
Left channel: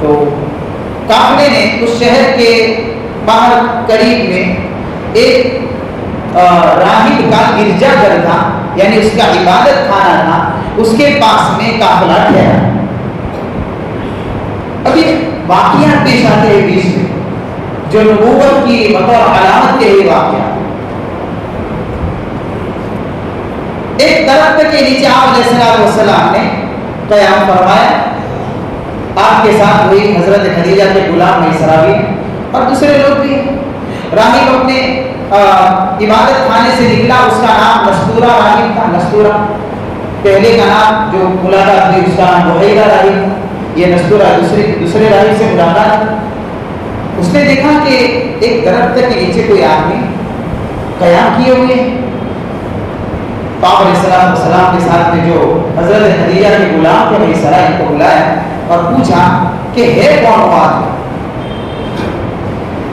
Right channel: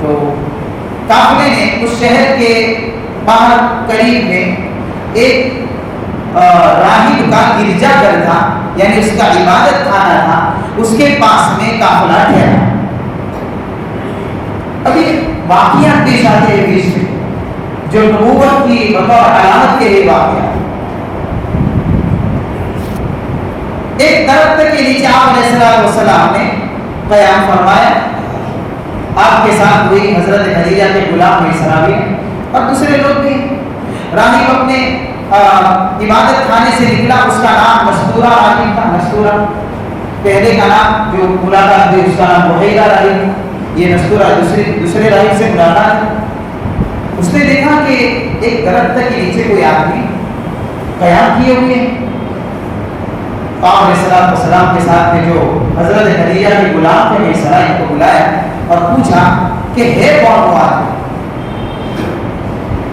تو قافلے نے اس شہر کے باہر قریب میں ایک راہب کا گرجا گھر تھا، یعنی اس کا عبادت خانہ تھا، اس کے پاس میں قافلہ ٹھہرا۔ ابھی واقعات پیش آتے ہیں بیچ میں جو نبوت کی بطور علامت کے لیے واقعات۔ ایک درخت کے نیچے آپ علیہ السلام نے قیام فرمایا، آپ کے ساتھ ہوئی حضرت خدیجہ کے غلام میسرہ بھی اور دوسرے لوگ بھی۔ راہب اپنے عبادت خانے سے نکلا، اس کا نام نستورہ راہب تھا۔ نستورہ پہلے کا نام جو ملاقات تھی اس کا نام بحیرہ راہب، یہ نستورہ دوسرے راہب سے ملاقات۔ اس نے دیکھا کہ ایک درخت کے نیچے کوئی آدمی قیام کیے ہوئے، آپ علیہ السلام کے ساتھ میں جو حضرت خدیجہ کے غلام تھے میسرہ، ان کو بلایا اور پوچھا کہ ہے کون وہ آدمی؟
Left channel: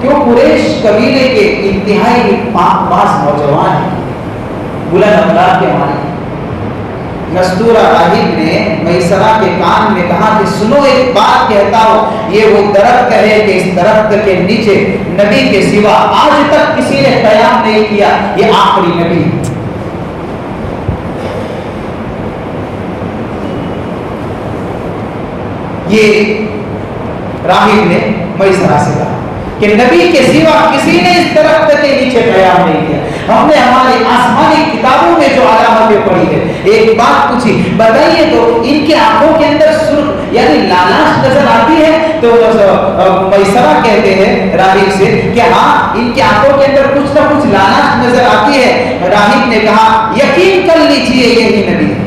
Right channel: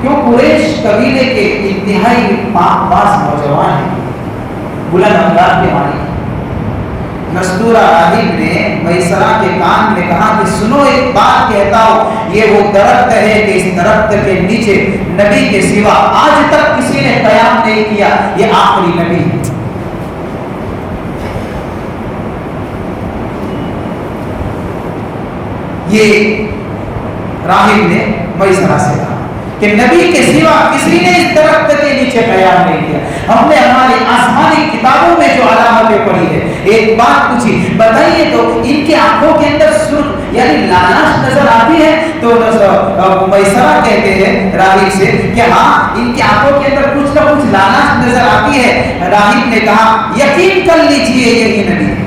کیوں قریش قبیلے کے انتہائی پاک باز نوجوان ہیں، بلند اخلاق کے مالک۔ نستورہ راہب نے میسرہ کے کان میں کہا کہ سنو ایک بات کہتا ہوں، یہ وہ درخت ہے کہ اس درخت کے نیچے نبی کے سوا آج تک کسی نے قیام نہیں کیا، یہ آخری نبی ہے۔ یہ راہب نے میسرہ سے کہا کہ نبی کے سوا کسی نے اس درخت کے نیچے قیام نہیں کیا۔ ہم نے ہماری آسمانی کتابوں میں جو علامتیں پڑھی ہے، ایک بات پوچھی، بتائیے تو ان کی آنکھوں کے اندر سرخ یعنی لالچ نظر آتی ہے؟ تو میسرہ کہتے ہیں راہب سے کہ ہاں ان کی آنکھوں کے اندر کچھ نہ کچھ لالچ نظر آتی ہے۔ راہب نے کہا یقین کر لیجئے یہی نبی ہے۔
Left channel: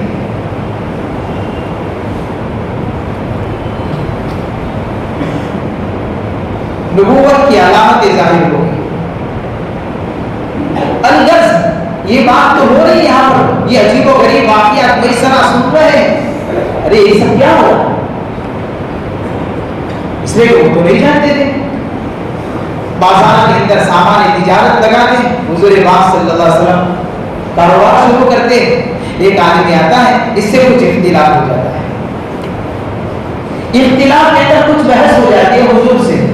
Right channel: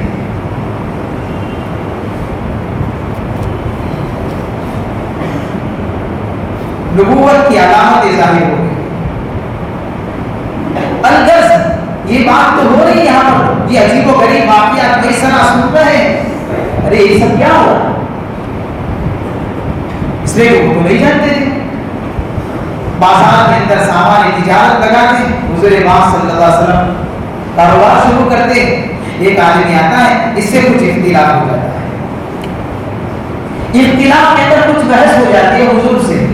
نبوت کی علامتیں ظاہر ہو گئی. الغرض یہ بات تو ہو رہی ہے یہاں پر، یہ عجیب و غریب واقعات کئی سارا سن رہے ہیں، ارے یہ سب کیا ہو رہا؟ اس لیے وہ تو نہیں جانتے تھے. بازار کے اندر سامان تجارت لگاتے، حضور پاک صلی اللہ علیہ وسلم کاروبار شروع کرتے، ایک آدمی آتا ہے، اس سے کچھ اختلاف ہو جاتا ہے. اختلاف کے اندر کچھ بحث ہو جاتی ہے حضور سے،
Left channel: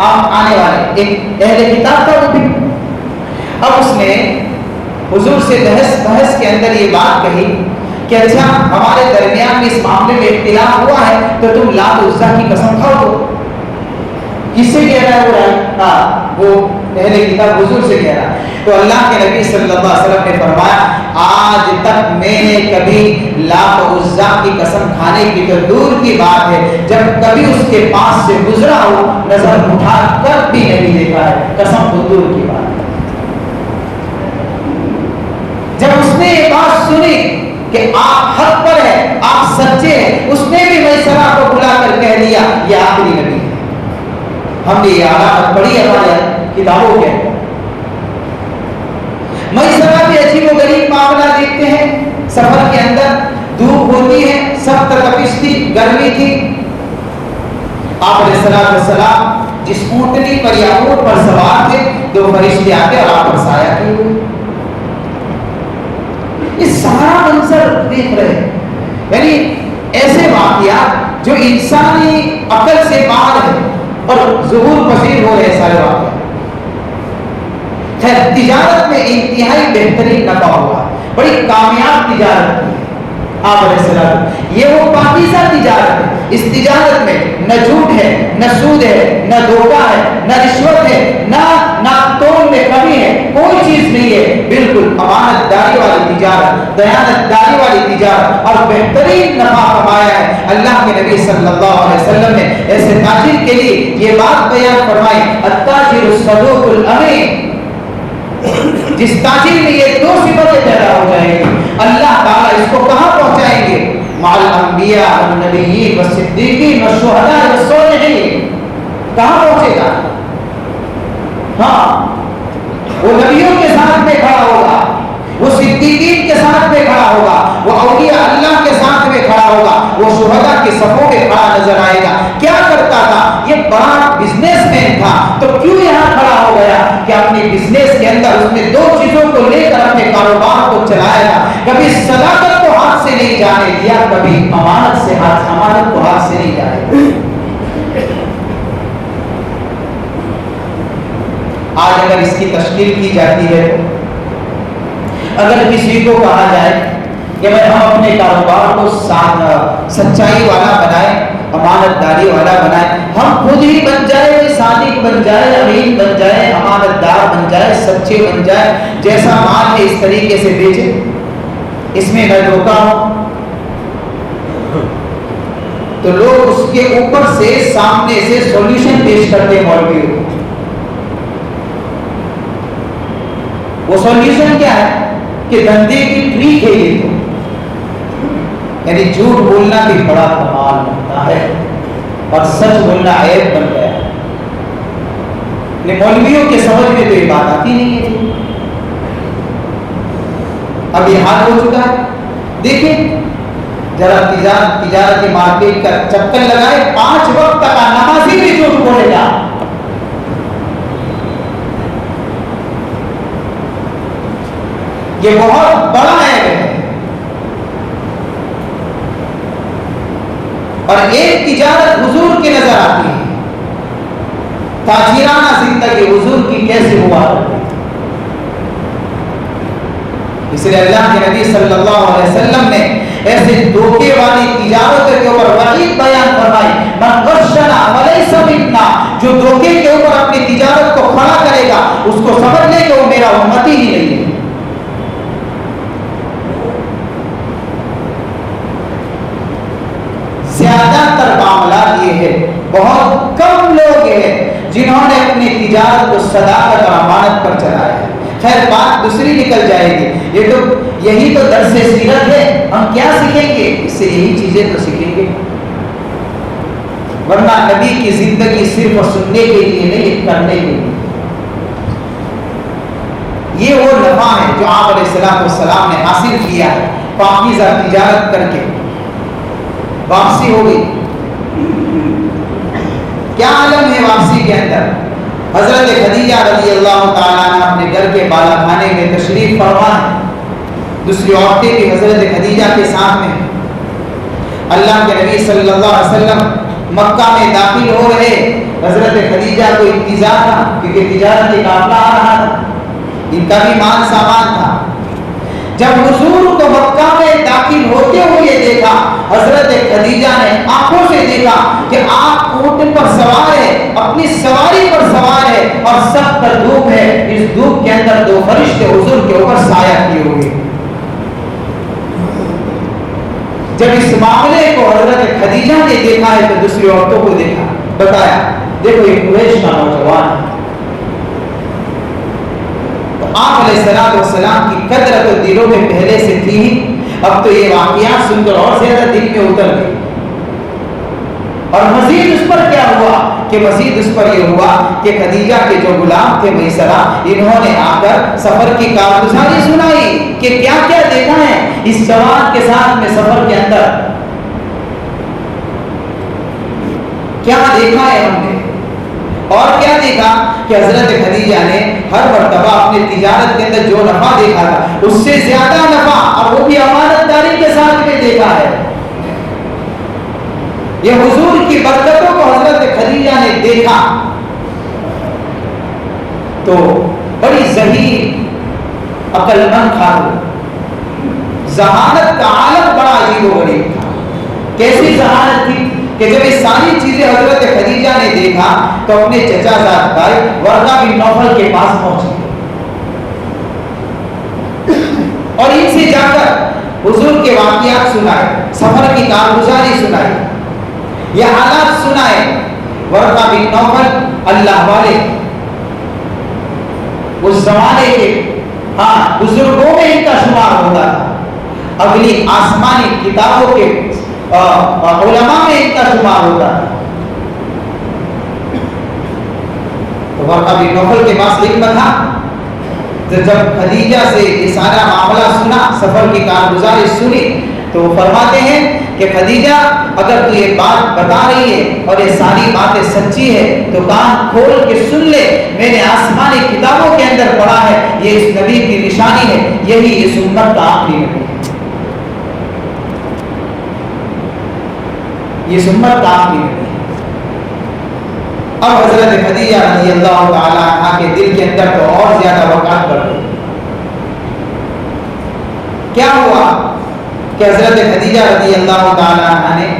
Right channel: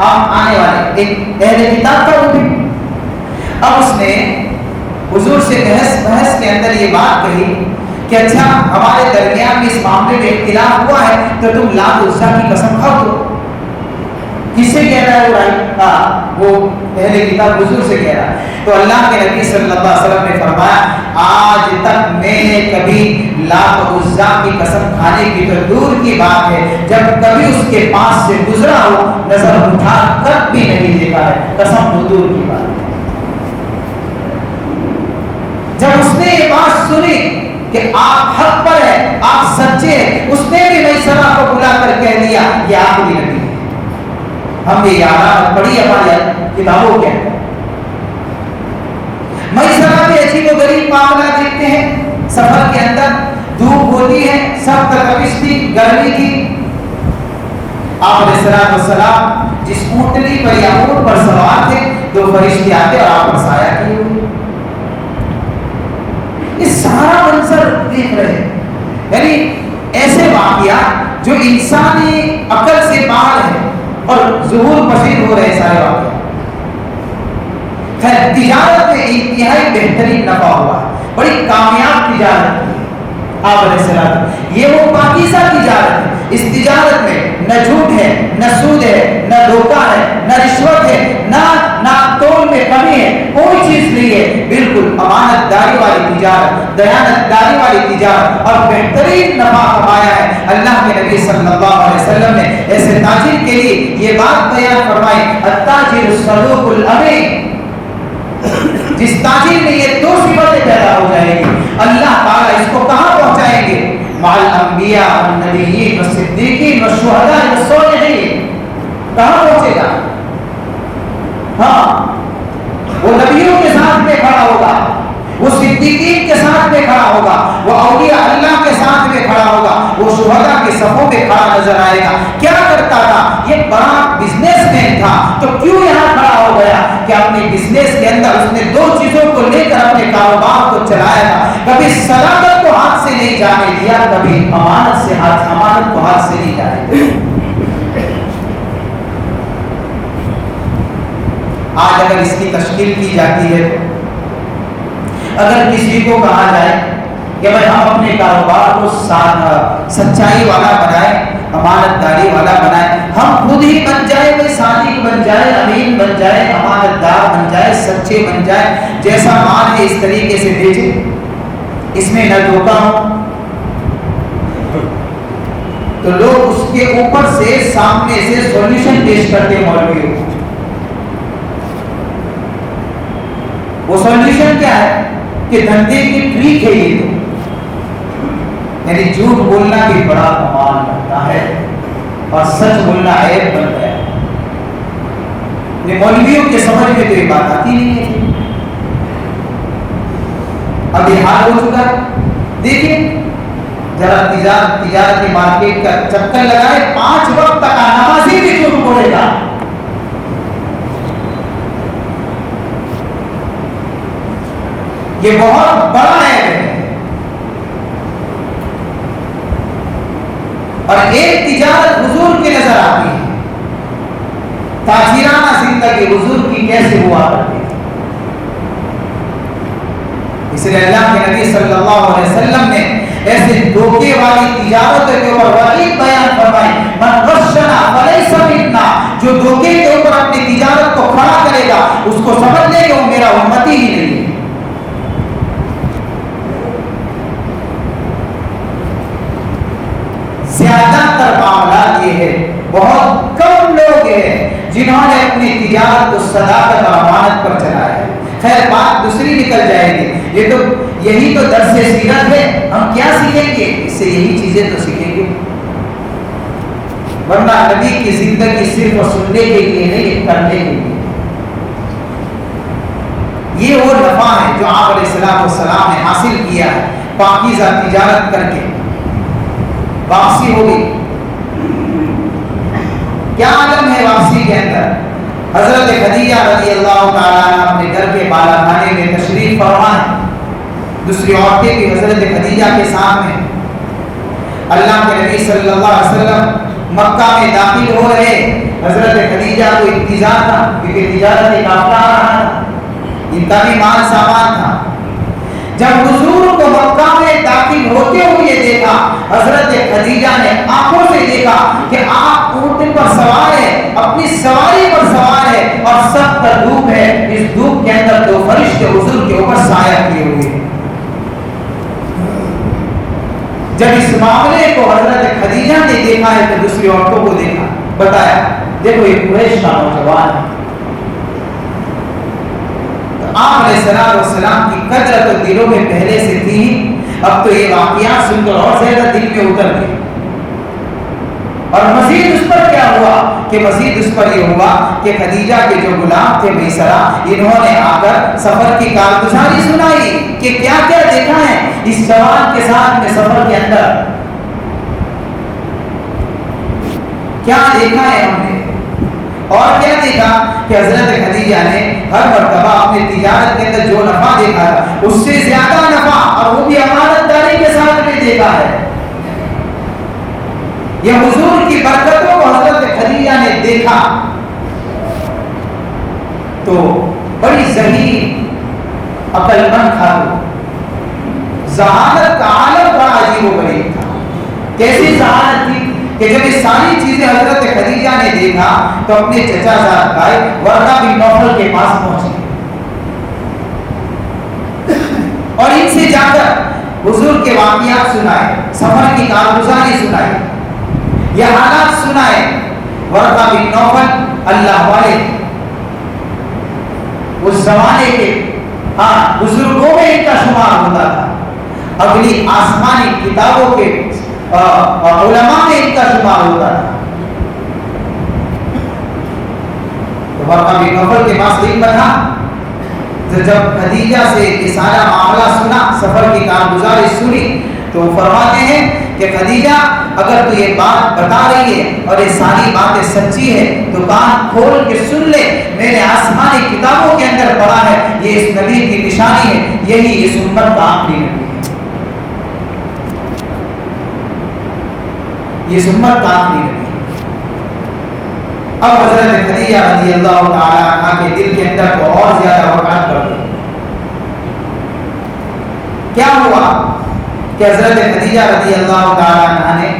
آپ آنے والے ایک اہل کتاب کا بھی. اب اس نے حضور سے بحث کے اندر یہ بات کہی کہ اچھا ہمارے درمیان میں اس معاملے میں اختلاف ہوا ہے تو تم لات عزا کی قسم کھاؤ. تو کس سے کہہ رہا ہے وہ اہل کتاب حضور سے کہہ رہا ہے. تو اللہ کے نبی صلی اللہ علیہ وسلم نے فرمایا آج تک میں نے کبھی لات عزا کی قسم کھانے کی تو دور کی بات ہے، جب کبھی اس کے پاس سے گزرا ہو نظر اٹھا کر بھی نہیں دیکھا ہے، قسم تو دور کی بات ہے. جب اس نے یہ بات سنی کہ آپ حق پر ہیں، آپ سچے ہیں، اس نے بھی میسرہ کو بلا کر کہہ دیا یہ آخری نبی ہے. ہم نے یہ علامت پڑھی ہے ہماری کتابوں کے. میسرہ پہ عجیب و غریب معاملہ دیکھتے ہیں. سفر کے اندر دھوپ ہوتی ہے، سخت تپش تھی، گرمی تھی. آپ علیہ السلام جس اونٹنی پر یا اونٹ پر سوار تھے، دو فرشتے آتے اور آپ پر سایہ کیے ہوئے. یہ سارا منظر دیکھ رہے ہیں، یعنی ایسے واقعات جو انسانی عقل سے باہر ہے اور ظہور پذیر ہو رہے سارے واقعات. خیر تجارت میں انتہائی بہترین نفع ہوا، بڑی کامیاب تجارت کی آپ علیہ السلام. یہ وہ پاکیزہ تجارت ہے. اس تجارت میں نہ جھوٹ ہے، نہ سود ہے، نہ دھوکہ ہے، نہ رشوت ہے، نہ تول میں کمی ہے، کوئی چیز نہیں ہے. بالکل امانت داری والی تجارت، دیانت داری والی تجارت، اور بہترین نفع کمایا ہے. اللہ کے نبی صلی اللہ علیہ وسلم نے ایسے تاجر کے لیے یہ بات بیان فرمائی التاجر الصدوق الامین. جس تاجر میں یہ دو صفتیں پیدا ہو جائیں گی اللہ تعالیٰ اس کو کہاں پہنچائیں گے؟ مع الانبیاء والنبیین والصدیقین والشہداء والصالحین. کہاں پہنچے گا؟ ہاں وہ نبیوں کے ساتھ میں کھڑا ہوگا، وہ صدیقین کے ساتھ میں کھڑا ہوگا، وہ اولیاء اللہ کے ساتھ میں کھڑا ہوگا، وہ شہداء کے صفوں میں کھڑا نظر آئے گا. کیا کرتا تھا؟ یہ بڑا بزنس مین تھا تو کیوں یہاں کھڑا ہو گیا کہ اپنے بزنس کے اندر اس نے دو چیزوں کو لے کر اپنے کاروبار کو چلایا تھا. کبھی صداقت کو ہاتھ سے نہیں جانے دیا، کبھی امانت کو ہاتھ سے نہیں جانے دیا. آج اگر اس کی تشکیل کی جاتی ہے، اگر کسی کو کہا جائے کہ بھائی ہم اپنے کاروبار کو سچائی والا بنائیں، امانت داری والا بنائیں، ہم خود ہی بن جائے، صادق بن جائے، امین بن جائے، امانت دار بن جائے، سچے بن جائے، جیسا مال ہے اس طریقے سے بیچے، اس میں نہ دھوکہ ہو، تو لوگ اس کے اوپر سے سامنے سے سولوشن پیش کرتے ہیں مولویوں کو. وہ سولوشن کیا ہے کہ دھندے کی ٹریک ہے یہ تو، یعنی جھوٹ بولنا بھی بڑا کمال ہوتا ہے اور سچ بولنا عیب بن گیا ہے. مولویوں کے سمجھ میں تو یہ بات آتی نہیں ہے. اب یہ حال ہو چکا ہے. دیکھیں ذرا تجارتی مارکیٹ کا چکر لگائے، 5 وقت کا نمازی بھی جھوٹ بولے گا. یہ بہت بڑا ہے. اور ایک تجارت حضور کی نظر آتی ہے، تاجرانہ زندگی حضور کی کیسے ہوا کرتی ہے. اس لیے اللہ کے نبی صلی اللہ علیہ وسلم نے ایسے دھوکے والی تجارت کے اوپر وعید بیان فرمائی، من غشنا فلیس منا. جو دھوکے کے اوپر اپنی تجارت کو کھڑا کرے گا اس کو سمجھ لے کہ وہ میرا امتی ہی نہیں ہے. زیادہ تر معاملات یہ ہے، بہت کم لوگ ہیں جنہوں نے اپنی تجارت کو صداقت اور امانت پر چلایا ہے. خیر بات دوسری نکل جائے گی. یہی تو درس سیرت ہے. ہم کیا سیکھیں گے؟ اس سے یہی چیزیں تو سیکھیں گے. ورنہ نبی کی زندگی صرف سننے کے لیے نہیں، کرنے کے لیے۔ یہ وہ نفع ہے جو آپ علیہ السلام نے حاصل کیا ہے، پاکیزہ تجارت کر کے واپسی ہو گئی۔ کیا عالم ہے واپسی کے اندر؟ حضرت خدیجہ رضی اللہ تعالیٰ عنہ اپنے گھر کے بالا خانے میں تشریف فرما ہے، دوسری عورتیں بھی حضرت خدیجہ کے ساتھ میں۔ اللہ کے نبی صلی اللہ علیہ وسلم مکہ میں داخل ہو رہے، حضرت خدیجہ کو انتظار تھا کیونکہ تجارت کا قافلہ آ رہا تھا، ان کا بھی مال سامان تھا۔ جب حضور کو مکہ میں داخل ہوتے ہوئے دیکھا، حضرت خدیجہ نے آنکھوں سے دیکھا کہ آپ اونٹ پر سوار ہے، اپنی سواری پر سوار ہے اور سخت دھوپ ہے، اس دھوپ کے اندر دو فرشتے حضور کے اوپر سایہ کیے ہوئے۔ جب اس معاملے کو حضرت خدیجہ نے دیکھا ہے تو دوسری عورتوں کو دیکھا، بتایا دیکھو ایک قریش کا نوجوان ہے۔ آپ علیہ السلام کی قدر تو دلوں میں پہلے سے تھی، اب تو یہ واقعات سن کر اور زیادہ دل میں اتر گئی۔ اور مزید اس پر کیا ہوا کہ مزید اس پر یہ ہوا کہ خدیجہ کے جو غلام تھے میسرہ، انہوں نے آ کر سفر کی کارگزاری سنائی کہ کیا کیا دیکھا ہے اس جوان کے ساتھ میں سفر کے اندر، کیا دیکھا ہے ہم نے۔ اور کیا دیکھا کہ حضرت خدیجہ نے ہر مرتبہ اپنے تجارت کے اندر جو نفع دیکھا تھا اس سے زیادہ نفع، اور وہ بھی امانت داری کے ساتھ میں دیکھا ہے۔ یہ حضور کی برکتوں کو حضرت خدیجہ نے دیکھا تو بڑی ذہین عقل مند خاتون، ذہانت کا عالم بڑا عجیب و غریب تھا۔ کیسی ذہانت تھی کہ جب یہ ساری چیزیں حضرت خدیجہ نے دیکھا تو اپنے چچا زاد بھائی ورقہ بن نوفل کے پاس پہنچے اور ان سے جا کر حضور کے واقعات سنائے، سفر کی کارگزاری سنائے، یہ حالات سنائے۔ ورقہ بن نوفل اللہ والے، اس زمانے کے بزرگوں میں ان کا شمار ہوتا تھا، اگلی آسمانی کتابوں کے علماء میں ان کا شمار ہوتا تھا۔ تو ورقہ بن نوفل کے پاس لکھا تھا، جب خدیجہ سے یہ سارا معاملہ سنا، سفر کی کارگزاری سنی، تو فرماتے ہیں کہ خدیجہ اگر تو یہ بات بتا رہی ہے اور یہ ساری باتیں سچی ہے تو کان کھول کے سن لے، میں نے آسمانی کتابوں کے اندر پڑھا ہے یہ اس نبی کی نشانی ہے، یہی اس امت کا آخری نبی ہے، یہ امت کا آخری نبی ہے۔ اب حضرت خدیجہ رضی اللہ تعالیٰ عنہ کے دل کے اندر تو اور زیادہ وقعت بڑھ گئی۔ کیا ہوا کہ حضرت خدیجہ رضی اللہ تعالیٰ عنہ نے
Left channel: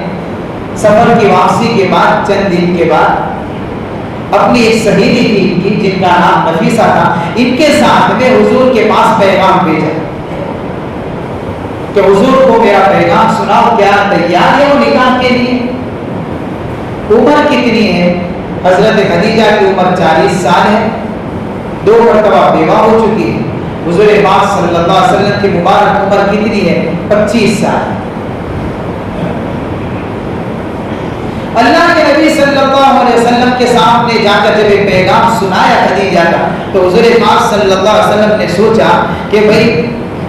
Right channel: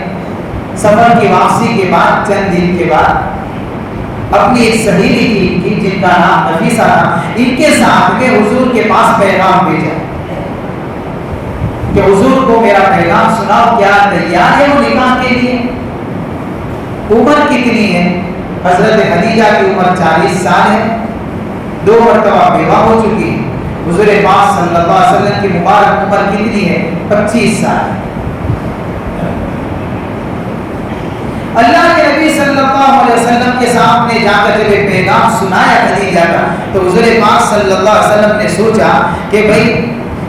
سفر کی واپسی کے بعد چند دن کے بعد اپنی ایک سہیلی تھی جن کا نام نفیسہ تھا، ان کے ساتھ میں حضور کے پاس پیغام بھیجا کہ حضور کو میرا پیغام سناؤ، کیا تیار ہے وہ نکاح کے لیے؟ عمر کتنی ہے؟ حضرت خدیجہ کی عمر 40 سال ہے، 2 مرتبہ بیوہ ہو چکی ہے۔ حضور پاک صلی اللہ علیہ وسلم کی مبارک عمر کتنی ہے؟ 25 سال ہے۔ اللہ کے نبی صلی اللہ علیہ وسلم کے سامنے جا کر جب ایک پیغام سنایا خدیجہ کا تو حضور پاک صلی اللہ علیہ وسلم نے سوچا کہ بھئی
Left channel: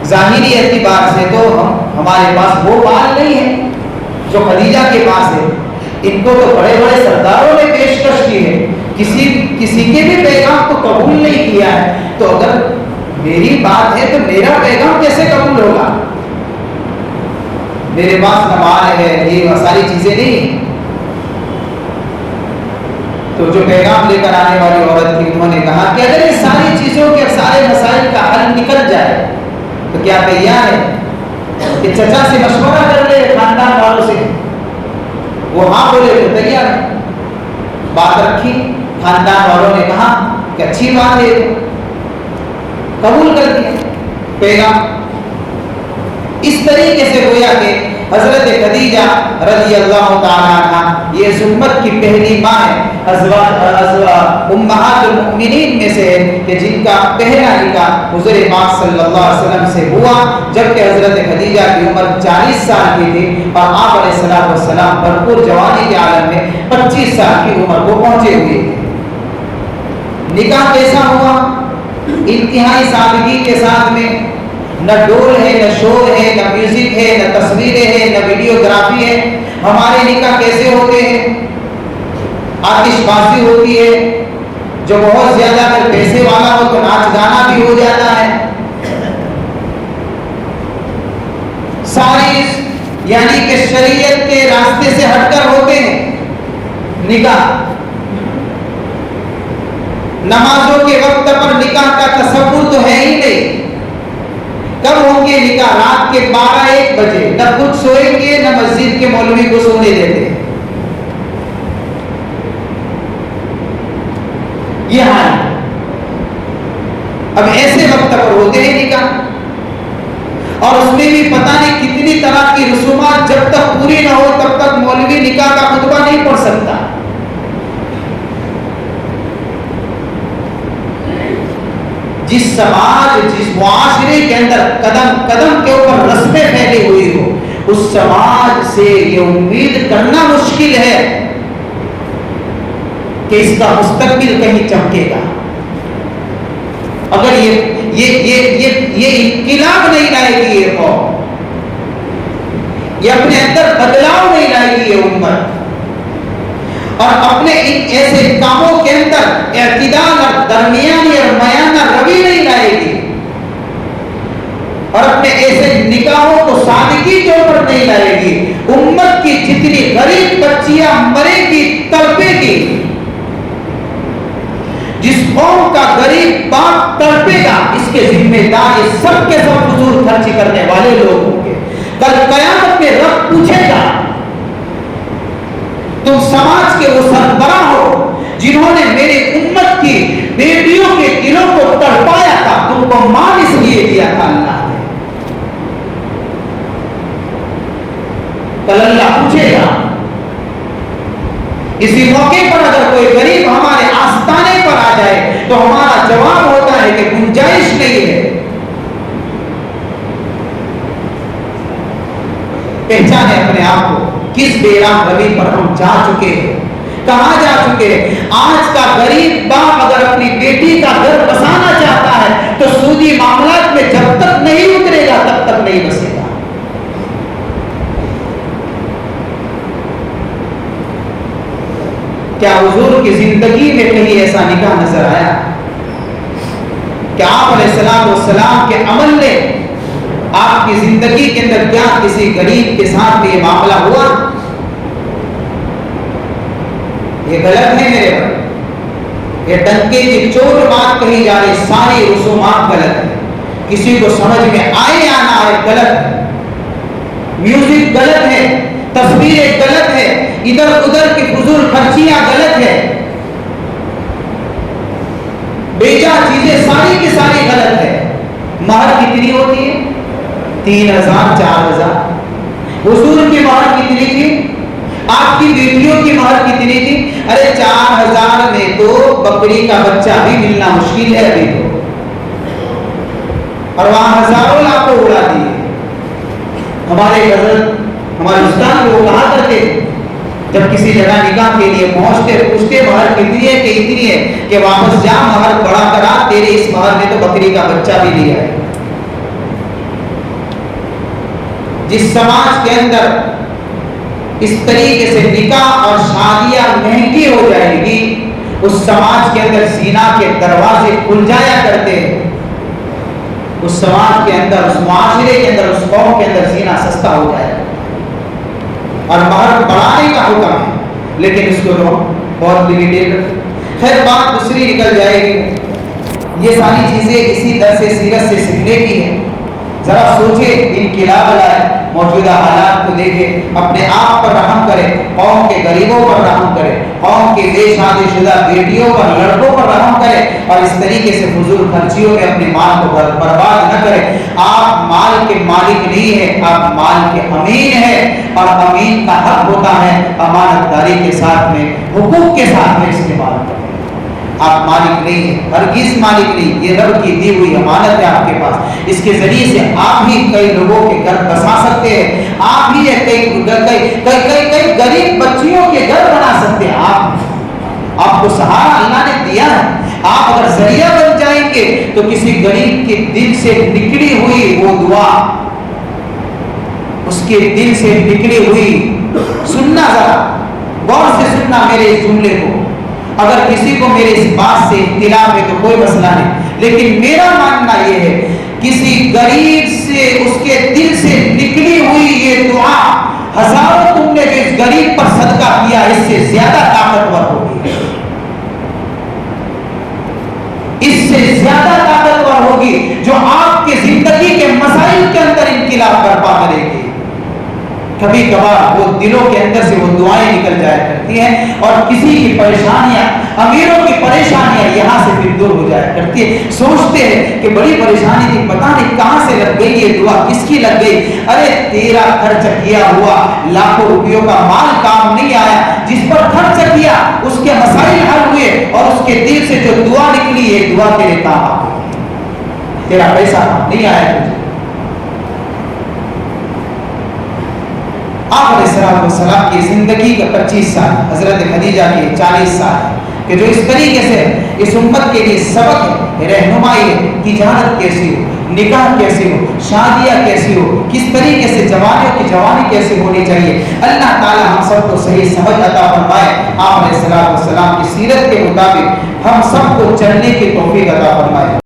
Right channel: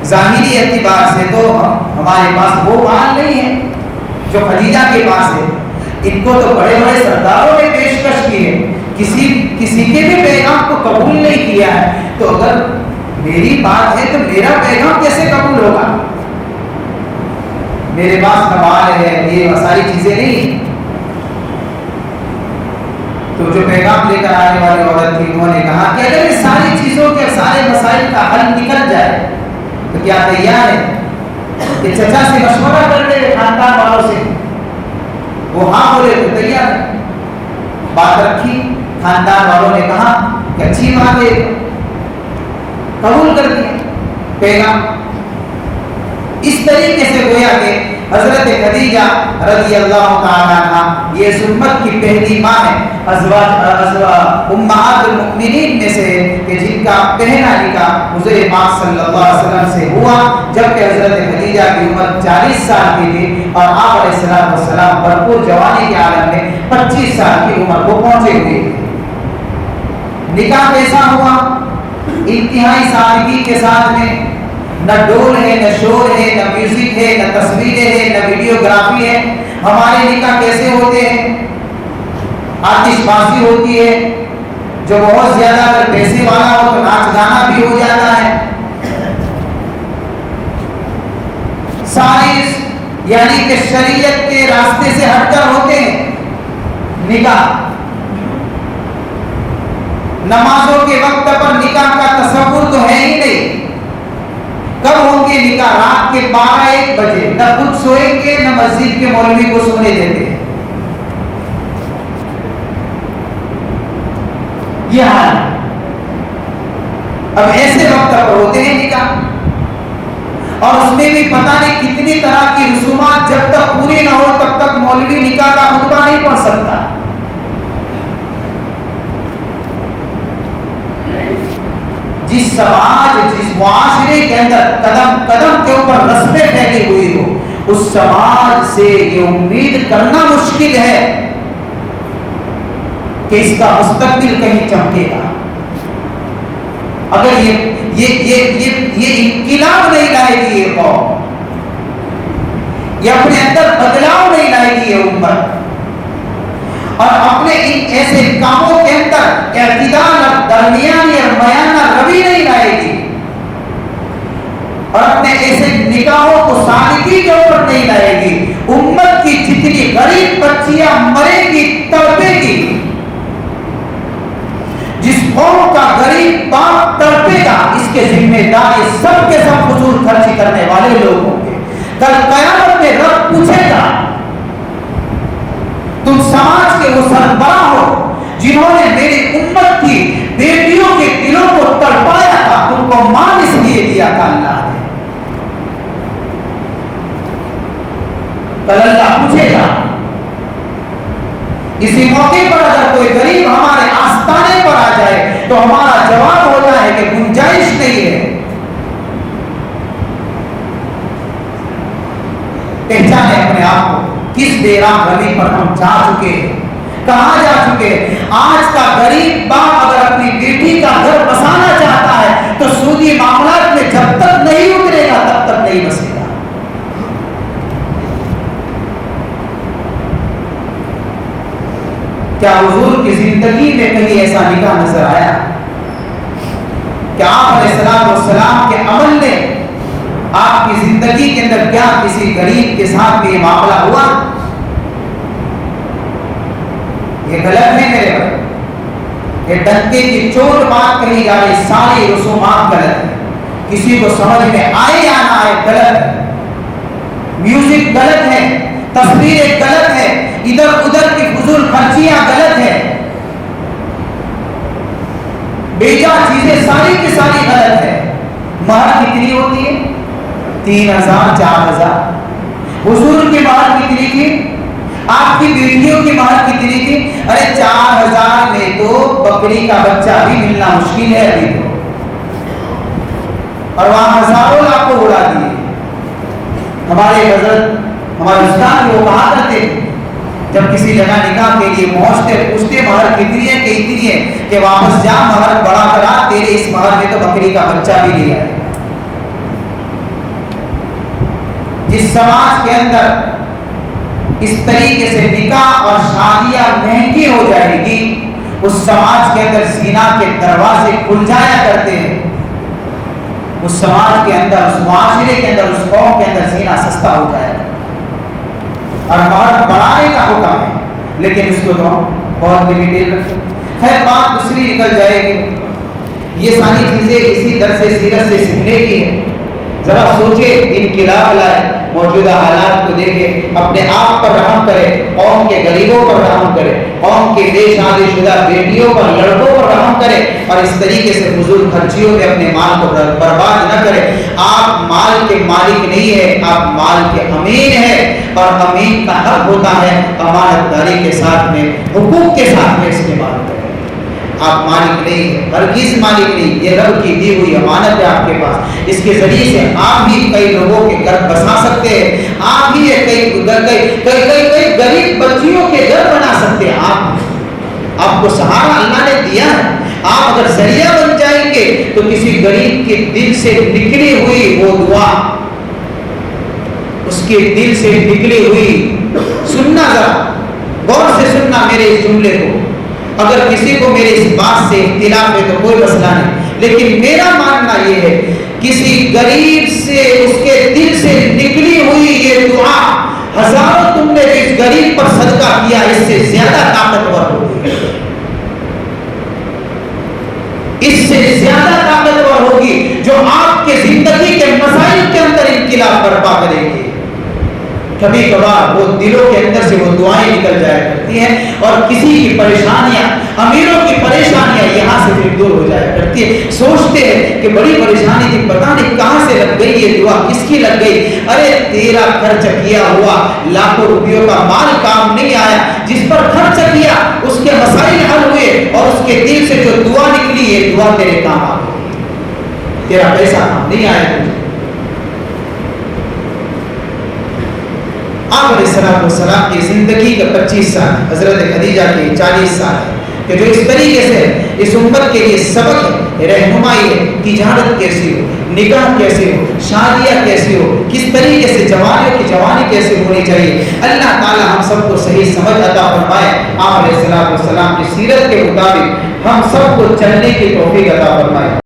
ظاہری اعتبار سے تو ہمارے پاس وہ مال نہیں ہے جو خدیجہ کے پاس ہے، ان کو تو بڑے بڑے سرداروں نے پیشکش کی ہے، کسی کے بھی پیغام کو قبول نہیں کیا ہے، تو اگر میری بات ہے تو میرا پیغام کیسے قبول ہوگا؟ میرے پاس نہ مال ہے، یہ ساری چیزیں نہیں۔ تو جو پیغام لے کر آنے والی عورت تھی انہوں نے کہا کہ اگر اس ساری چیزوں کے سارے مسائل کا حل نکل جائے تو کیا تیار ہے کہ چچا سے مشورہ کر لے خاندان والوں سے؟ وہ ہاں بولے تو تیار ہے۔ بات رکھی، خاندان والوں نے کہا کہ اچھی بات ہے، قبول کر دیا پیغام۔ اس طریقے سے گویا کہ حضرت خدیجہ رضی اللہ تعالیٰ عنہ یہ اس امت کی پہلی ماں ہے، امہات المؤمنین میں سے کہ جن کا پہلا نکاح حضور پاک صلی اللہ علیہ وسلم سے ہوا، جبکہ حضرت خدیجہ کی عمر 40 سال کی تھی اور آپ علیہ السلام بھرپور جوانی کے عالم میں 25 سال کی عمر کو پہنچے ہوئے۔ نکاح کیسا ہوا؟ انتہائی سادگی کے ساتھ میں، نہ ڈول ہے، نہ شور ہے، نہ میوزک ہے، نہ تصویریں ہیں، نہ ویڈیوگرافی ہے۔ ہمارے نکاح کیسے ہوتے ہیں؟ آتش بازی ہوتی ہے، جو بہت زیادہ اگر پیسے والا ہو تو ناچ گانا بھی ہو جاتا ہے۔ سائنس یعنی کہ شریعت کے راستے سے ہٹ کر ہوتے ہیں نکاح۔ نمازوں کے وقت پر نکاح کا تصور تو ہے ہی نہیں۔ کب ہوں گے نکاح؟ رات کے 12-1 بجے، نہ خود سوئیں گے نہ مسجد کے مولوی کو سونے دیتے ہیں۔ یہ حال ہے۔ اب ایسے وقت پر ہوتے ہیں نکاح، اور اس میں بھی پتہ نہیں کتنی طرح کی رسومات، جب تک پوری نہ ہو تب تک مولوی نکاح کا خطبہ نہیں پڑھ سکتا۔ جس سماج، جس معاشرے کے اندر قدم قدم کے اوپر رسمیں پھیلی ہوئی ہو، اس سماج سے یہ امید کرنا مشکل ہے کہ اس کا مستقبل کہیں چمکے گا۔ اگر یہ انقلاب نہیں لائے گی یہ قوم، یہ اپنے اندر بدلاؤ نہیں لائے گی یہ امت، اور اپنے ان ایسے کاموں کے اندر اعتدال اور درمیانی اور میانہ روی نہیں لائے گی، اور اپنے ایسے نکاحوں کو سادگی کے اوپر نہیں لائے گی، امت کی جتنی غریب بچیاں مرے گی تڑپے گی، جس قوم کا غریب باپ تڑپے گا، اس کے ذمہ دار یہ سب کے سب فضول خرچی کرنے والے لوگ ہوں گے۔ کل قیامت میں رب پوچھے گا، تم سماج کے وہ سربراہ ہو جنہوں نے میری امت کی بیٹیوں کے دلوں کو تڑپایا تھا، تم کو مان اس لیے دیا تھا اللہ نے۔ کل اللہ پوچھے گا۔ اسی موقع پر اگر کوئی غریب ہمارے آستانے پر آ جائے تو ہمارا جواب ہوتا ہے کہ گنجائش نہیں ہے۔ پہچانے اپنے آپ کو، کس بے راہ روی پر ہم جا چکے ہیں، کہاں جا چکے ہیں۔ آج کا غریب باپ اگر اپنی بیٹی کا گھر بسانا چاہتا ہے تو سودی معاملات میں جب تک نہیں اترے گا تب تک نہیں بسے گا۔ کیا حضور کی زندگی میں کہیں ایسا نکاح نظر آیا کہ آپ علیہ السلام کے عمل نے آپ کی زندگی کے اندر کیا کسی غریب کے ساتھ میں یہ معاملہ ہوا؟ یہ غلط ہے میرے بھائی، یہ ڈنکے کی چوٹ بات کہی جا رہی، ساری رسومات غلط ہے، کسی کو سمجھ میں آئے یا نہ آئے غلط ہے، میوزک غلط ہے، تصویریں غلط ہے، ادھر ادھر کی فضول خرچیاں غلط ہے، بیجا چیزیں ساری کی ساری غلط ہے۔ مہر کتنی ہوتی ہے؟ 3000 4000۔ حضور کی مہر کتنی تھی؟ آپ کی بیٹیوں کی مہر کتنی تھی؟ ارے 4000 میں تو بکری کا بچہ بھی ملنا مشکل ہے ابھی تو، اور وہاں ہزاروں لاکھوں اڑا دیے۔ ہمارے حضرت، ہمارے استاد وہ کہا کرتے جب کسی جگہ نکاح کے لیے پہنچتے پوچھتے مہر کتنی ہے کہ اتنی ہے، کہ واپس جا مہر بڑا کرا، تیرے اس مہر میں تو بکری کا بچہ بھی نہیں ہے۔ جس سماج کے اندر اس طریقے سے نکاح اور شادیاں مہنگی ہو جائے گی، اس سماج کے اندر زنا کے دروازے کھل جایا کرتے ہیں، اس سماج کے اندر، اس معاشرے کے اندر، اس قوم کے اندر زنا سستا ہو جائے گا، اور مہر بڑھانے کا حکم ہے، لیکن اس کو تو بہت لمیٹیڈ رکھیں۔ خیر بات دوسری نکل جائے گی۔ یہ ساری چیزیں اسی درس سیرت سے سیکھنے کی ہیں۔ ذرا سوچے، انقلاب لائے، موجودہ حالات کو دیکھے، اپنے آپ پر رحم کرے، قوم کے غریبوں پر رحم کرے، قوم کے بے شادی شدہ بیٹیوں پر، لڑکوں پر رحم کرے اور اس طریقے سے فضول خرچیوں میں اپنے مال کو برباد نہ کرے. آپ مال کے مالک نہیں ہے، آپ مال کے امین ہے، اور امین کا حق ہوتا ہے امانت داری کے ساتھ میں، حقوق کے ساتھ میں استعمال کریں. آپ مالک نہیں ہیں، ہرگز مالک نہیں. یہ رب کی دی ہوئی امانت ہے آپ کے پاس. اس کے ذریعے سے آپ ہی کئی لوگوں کے گھر بسا سکتے ہیں، آپ ہی کئی غریب بچیوں کے گھر بنا سکتے ہیں. آپ کو سہارا اللہ نے دیا ہے. آپ اگر ذریعہ بن جائیں گے تو کسی غریب کے دل سے نکلی ہوئی وہ دعا، اس کے دل سے نکلی ہوئی، سننا ذرا غور سے سننا میرے اس جملے کو. اگر کسی کو میرے اس بات سے اختلاف ہے تو کوئی مسئلہ نہیں، لیکن میرا ماننا یہ ہے کسی غریب سے اس کے دل سے نکلی ہوئی یہ دعا ہزاروں تم نے اس غریب پر صدقہ کیا اس سے زیادہ طاقتور ہوگی، اس سے زیادہ طاقتور ہوگی، جو آپ کے زندگی کے مسائل کے اندر انقلاب برپا کرے گی. کبھی کبھار وہ دلوں کے اندر سے وہ دعائیں نکل جایا کرتی ہیں اور کسی کی پریشانیاں، امیروں کی پریشانیاں یہاں سے پھر دور ہو جایا کرتی ہے. سوچتے ہیں کہ بڑی پریشانی تھی، پتہ نہیں کہاں سے لگ گئی یہ دعا، کس کی لگ گئی. ارے تیرا خرچ کیا ہوا لاکھوں روپیوں کا مال کام نہیں آیا، جس پر خرچ کیا اس کے مسائل حل ہوئے اور اس کے دل سے جو دعا نکلی ہے دعا تیرے کام آ گئی. تیرا پیسہ نہیں آیا تجھے. آپ علیہ السلام کی زندگی کا 25 سال، حضرت خدیجہ کی 40 سال، کہ جو اس طریقے سے اس امت کے لیے سبق ہے، رہنمائی ہے. تجارت کیسی ہو، نکاح کیسی ہو، شادیاں کیسی ہو، کس طریقے سے جوانیوں کی جوانی کیسے ہونی چاہیے. اللہ تعالی ہم سب کو صحیح سمجھ عطا فرمائے. آپ علیہ السلام کی سیرت کے مطابق ہم سب کو چلنے کی توفیق عطا فرمائے.